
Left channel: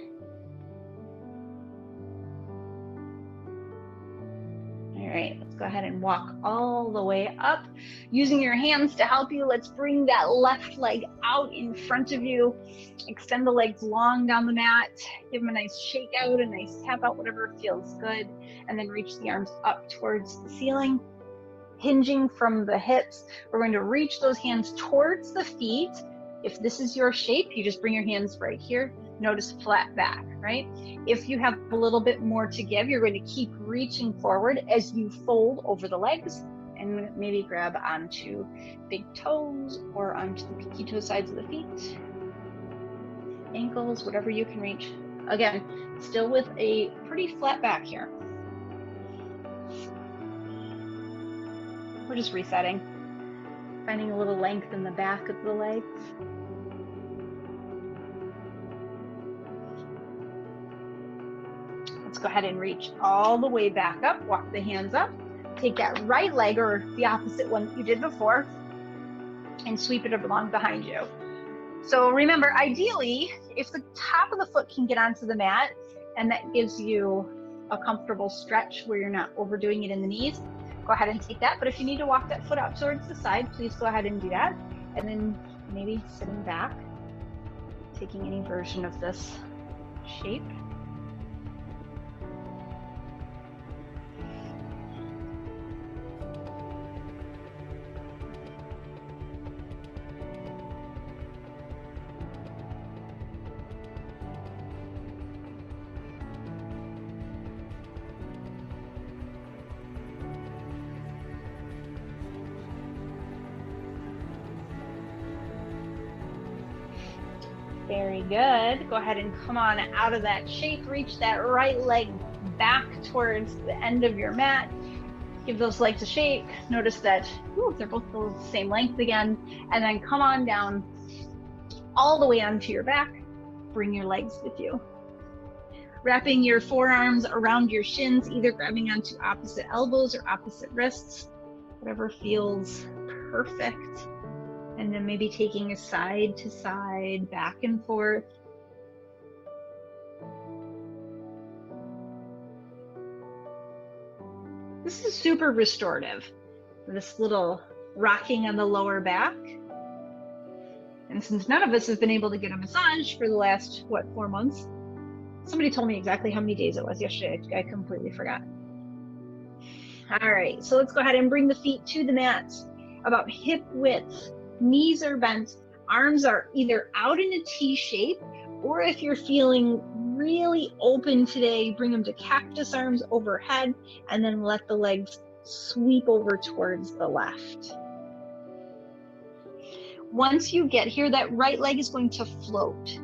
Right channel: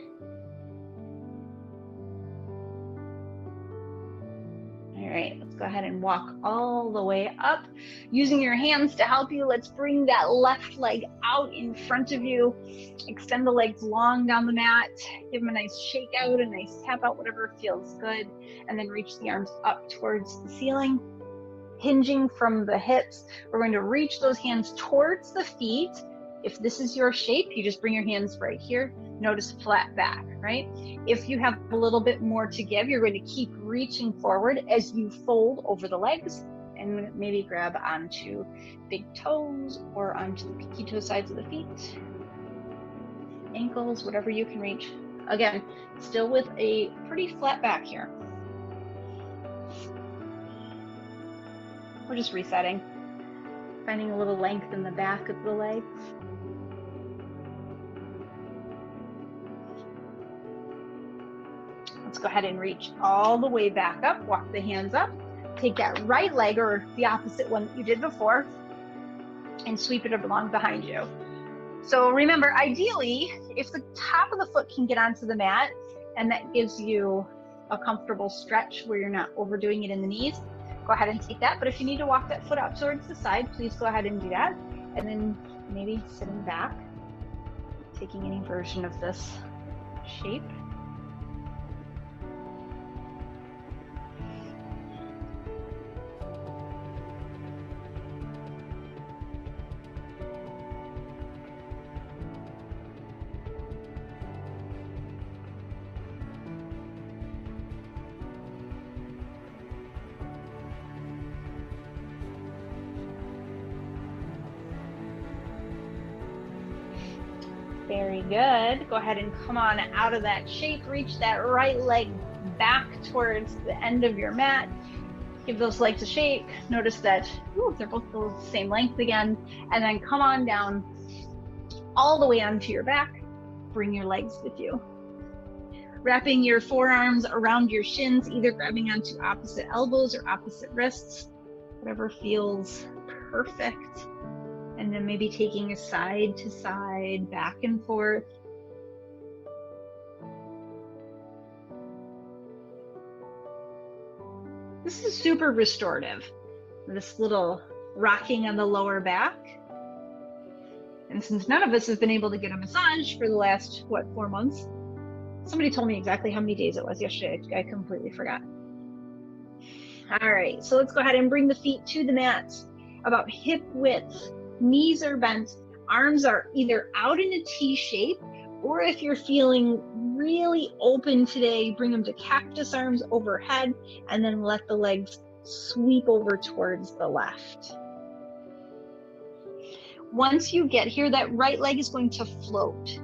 All right, let's go ahead and walk all the way up. Using your hands to help you, let's bring that left leg out in front of you. Extend the legs long down the mat. Give them a nice shake out, a nice tap out, whatever feels good. And then reach the arms up towards the ceiling. Hinging from the hips, we're going to reach those hands towards the feet. If this is your shape, you just bring your hands right here. Notice flat back, right? If you have a little bit more to give, you're going to keep reaching forward as you fold over the legs and maybe grab onto big toes or onto the pinky toe sides of the feet, ankles, whatever you can reach. Again, still with a pretty flat back here. We're just resetting, finding a little length in the back of the legs. Let's go ahead and reach all the way back up, walk the hands up, take that right leg or the opposite one that you did before and sweep it along behind you. So remember, ideally, if the top of the foot can get onto the mat and that gives you a comfortable stretch where you're not overdoing it in the knees, go ahead and take that. But if you need to walk that foot out towards the side, please go ahead and do that. And then maybe sitting back, taking any version of this shape. Very good. Go ahead and come on out of that shape. Reach that right leg back towards the end of your mat. Give those legs a shake. Notice that they're both the same length again. And then come on down all the way onto your back. Bring your legs with you. Wrapping your forearms around your shins, either grabbing onto opposite elbows or opposite wrists, whatever feels perfect. And then maybe taking a side to side, back and forth. This is super restorative. This little rocking on the lower back. And since none of us have been able to get a massage for the last, 4 months? Somebody told me exactly how many days it was yesterday. I completely forgot. All right, so let's go ahead and bring the feet to the mat, about hip width. Knees are bent, arms are either out in a T shape, or if you're feeling really open today, bring them to cactus arms overhead, and then let the legs sweep over towards the left. Once you get here, that right leg is going to float.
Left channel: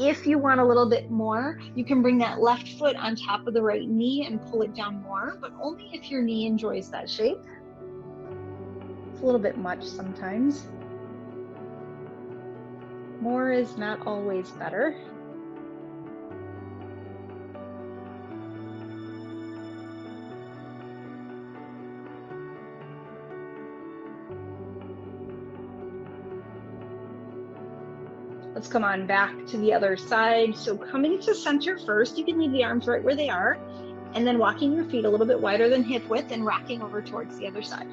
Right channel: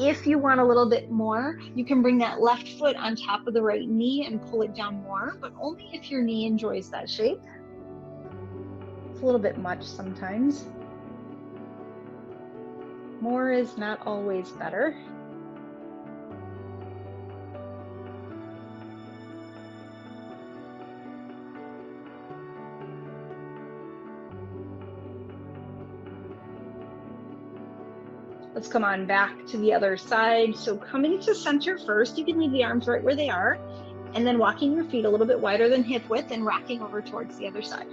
If you want a little bit more, you can bring that left foot on top of the right knee and pull it down more, but only if your knee enjoys that shape. It's a little bit much sometimes. More is not always better. Let's come on back to the other side. So coming to center first, you can leave the arms right where they are, and then walking your feet a little bit wider than hip width and rocking over towards the other side.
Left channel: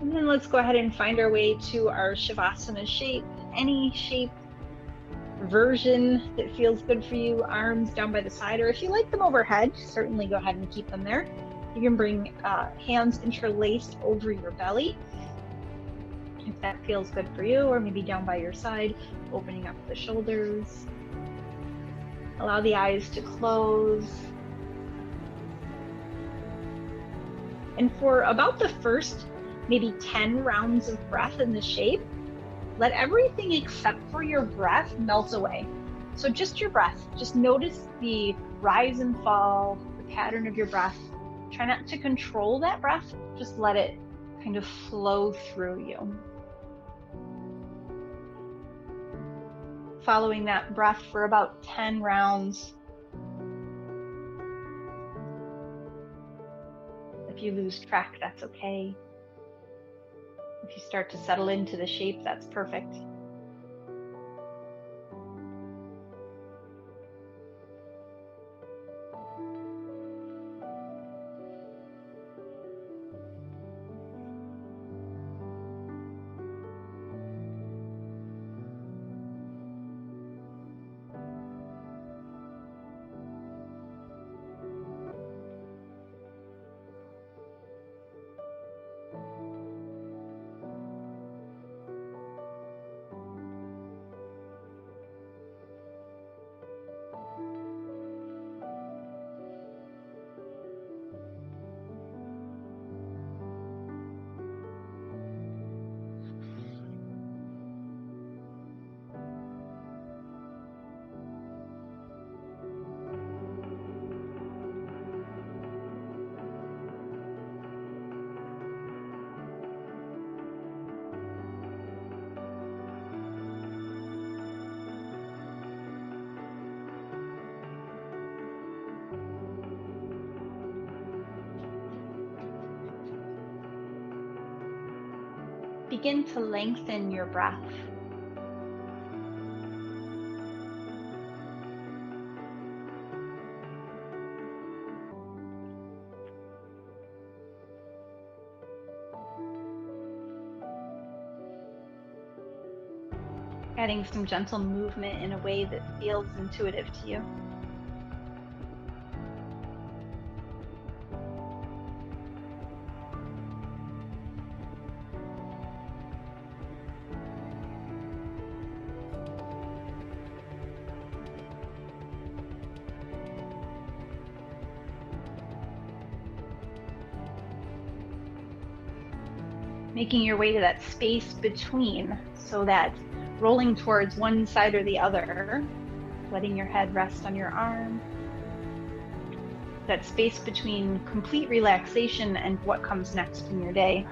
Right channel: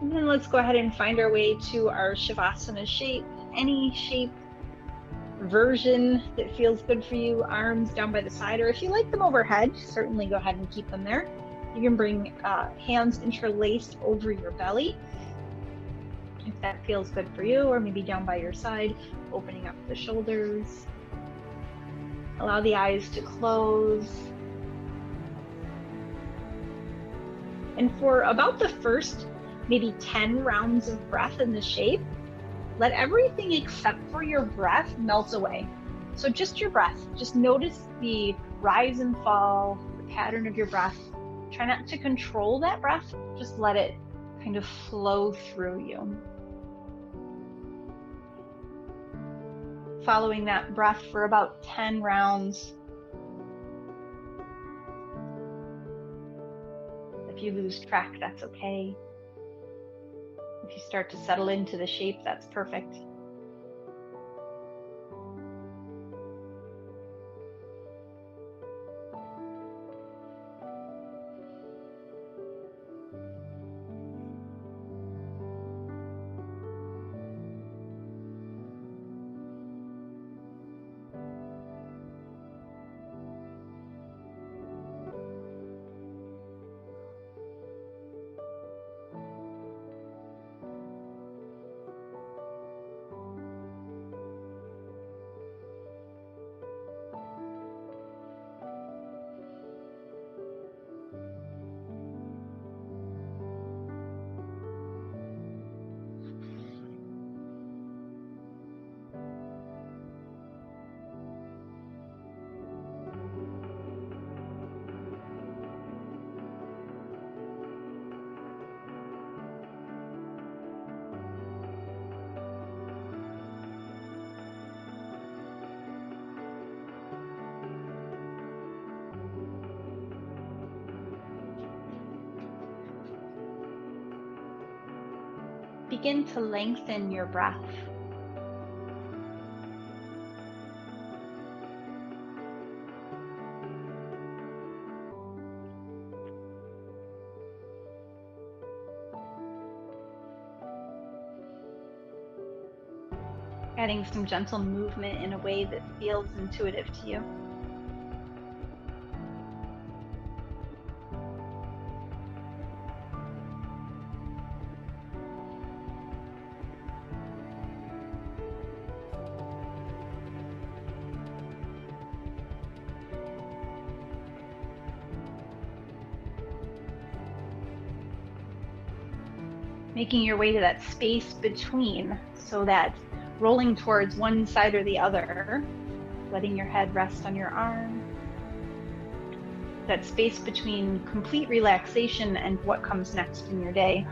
And then let's go ahead and find our way to our Shavasana shape. Any shape version that feels good for you, arms down by the side, or if you like them overhead, certainly go ahead and keep them there. You can bring hands interlaced over your belly, if that feels good for you, or maybe down by your side, opening up the shoulders. Allow the eyes to close. And for about the first maybe 10 rounds of breath in the shape, let everything except for your breath melt away. So just your breath, just notice the rise and fall, the pattern of your breath. Try not to control that breath, just let it kind of flow through you. Following that breath for about 10 rounds. If you lose track, that's okay. If you start to settle into the shape, that's perfect. begin to lengthen your breath. Adding some gentle movement in a way that feels intuitive to you. Making your way to that space between, so that rolling towards one side or the other, letting your head rest on your arm. That space between complete relaxation and what comes next in your day.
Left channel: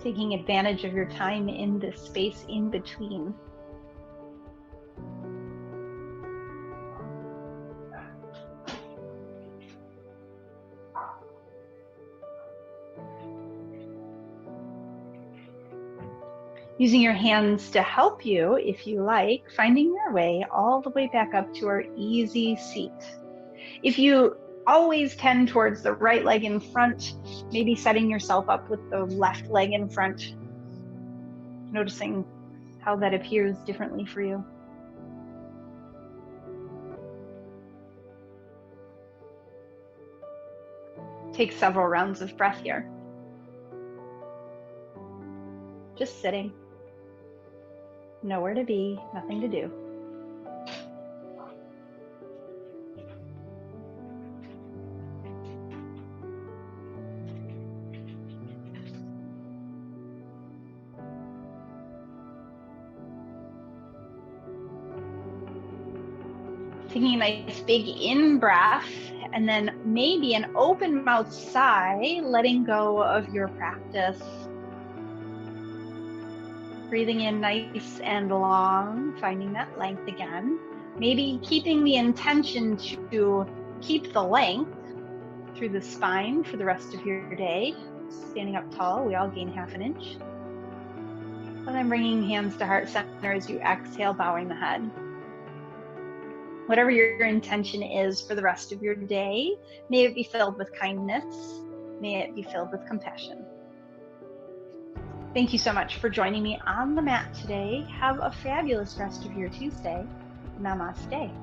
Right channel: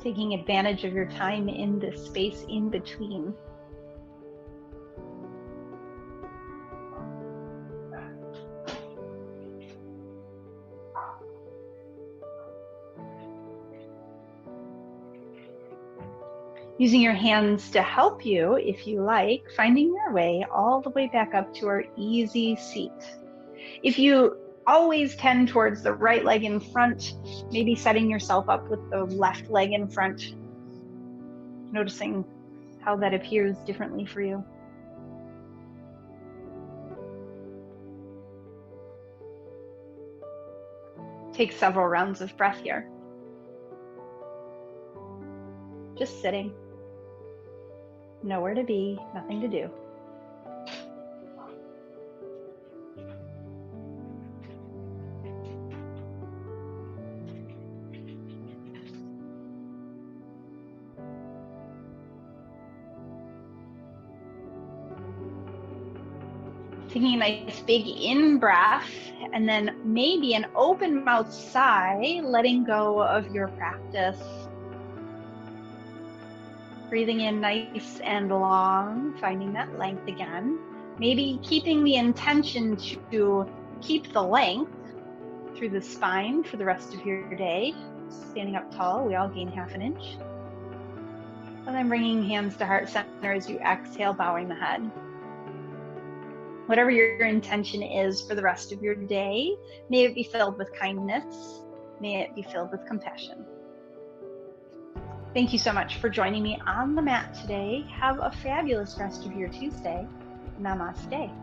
Taking advantage of your time in this space in between. Using your hands to help you, if you like, finding your way all the way back up to our easy seat. If you always tend towards the right leg in front, maybe setting yourself up with the left leg in front, noticing how that appears differently for you. Take several rounds of breath here. Just sitting. Nowhere to be, nothing to do. Taking a nice big in breath, and then maybe an open mouth sigh, letting go of your practice. Breathing in nice and long, finding that length again. Maybe keeping the intention to keep the length through the spine for the rest of your day. Standing up tall, we all gain ½ inch. And then bringing hands to heart center as you exhale, bowing the head. Whatever your intention is for the rest of your day, may it be filled with kindness. May it be filled with compassion. Thank you so much for joining me on the mat today. Have a fabulous rest of your Tuesday. Namaste.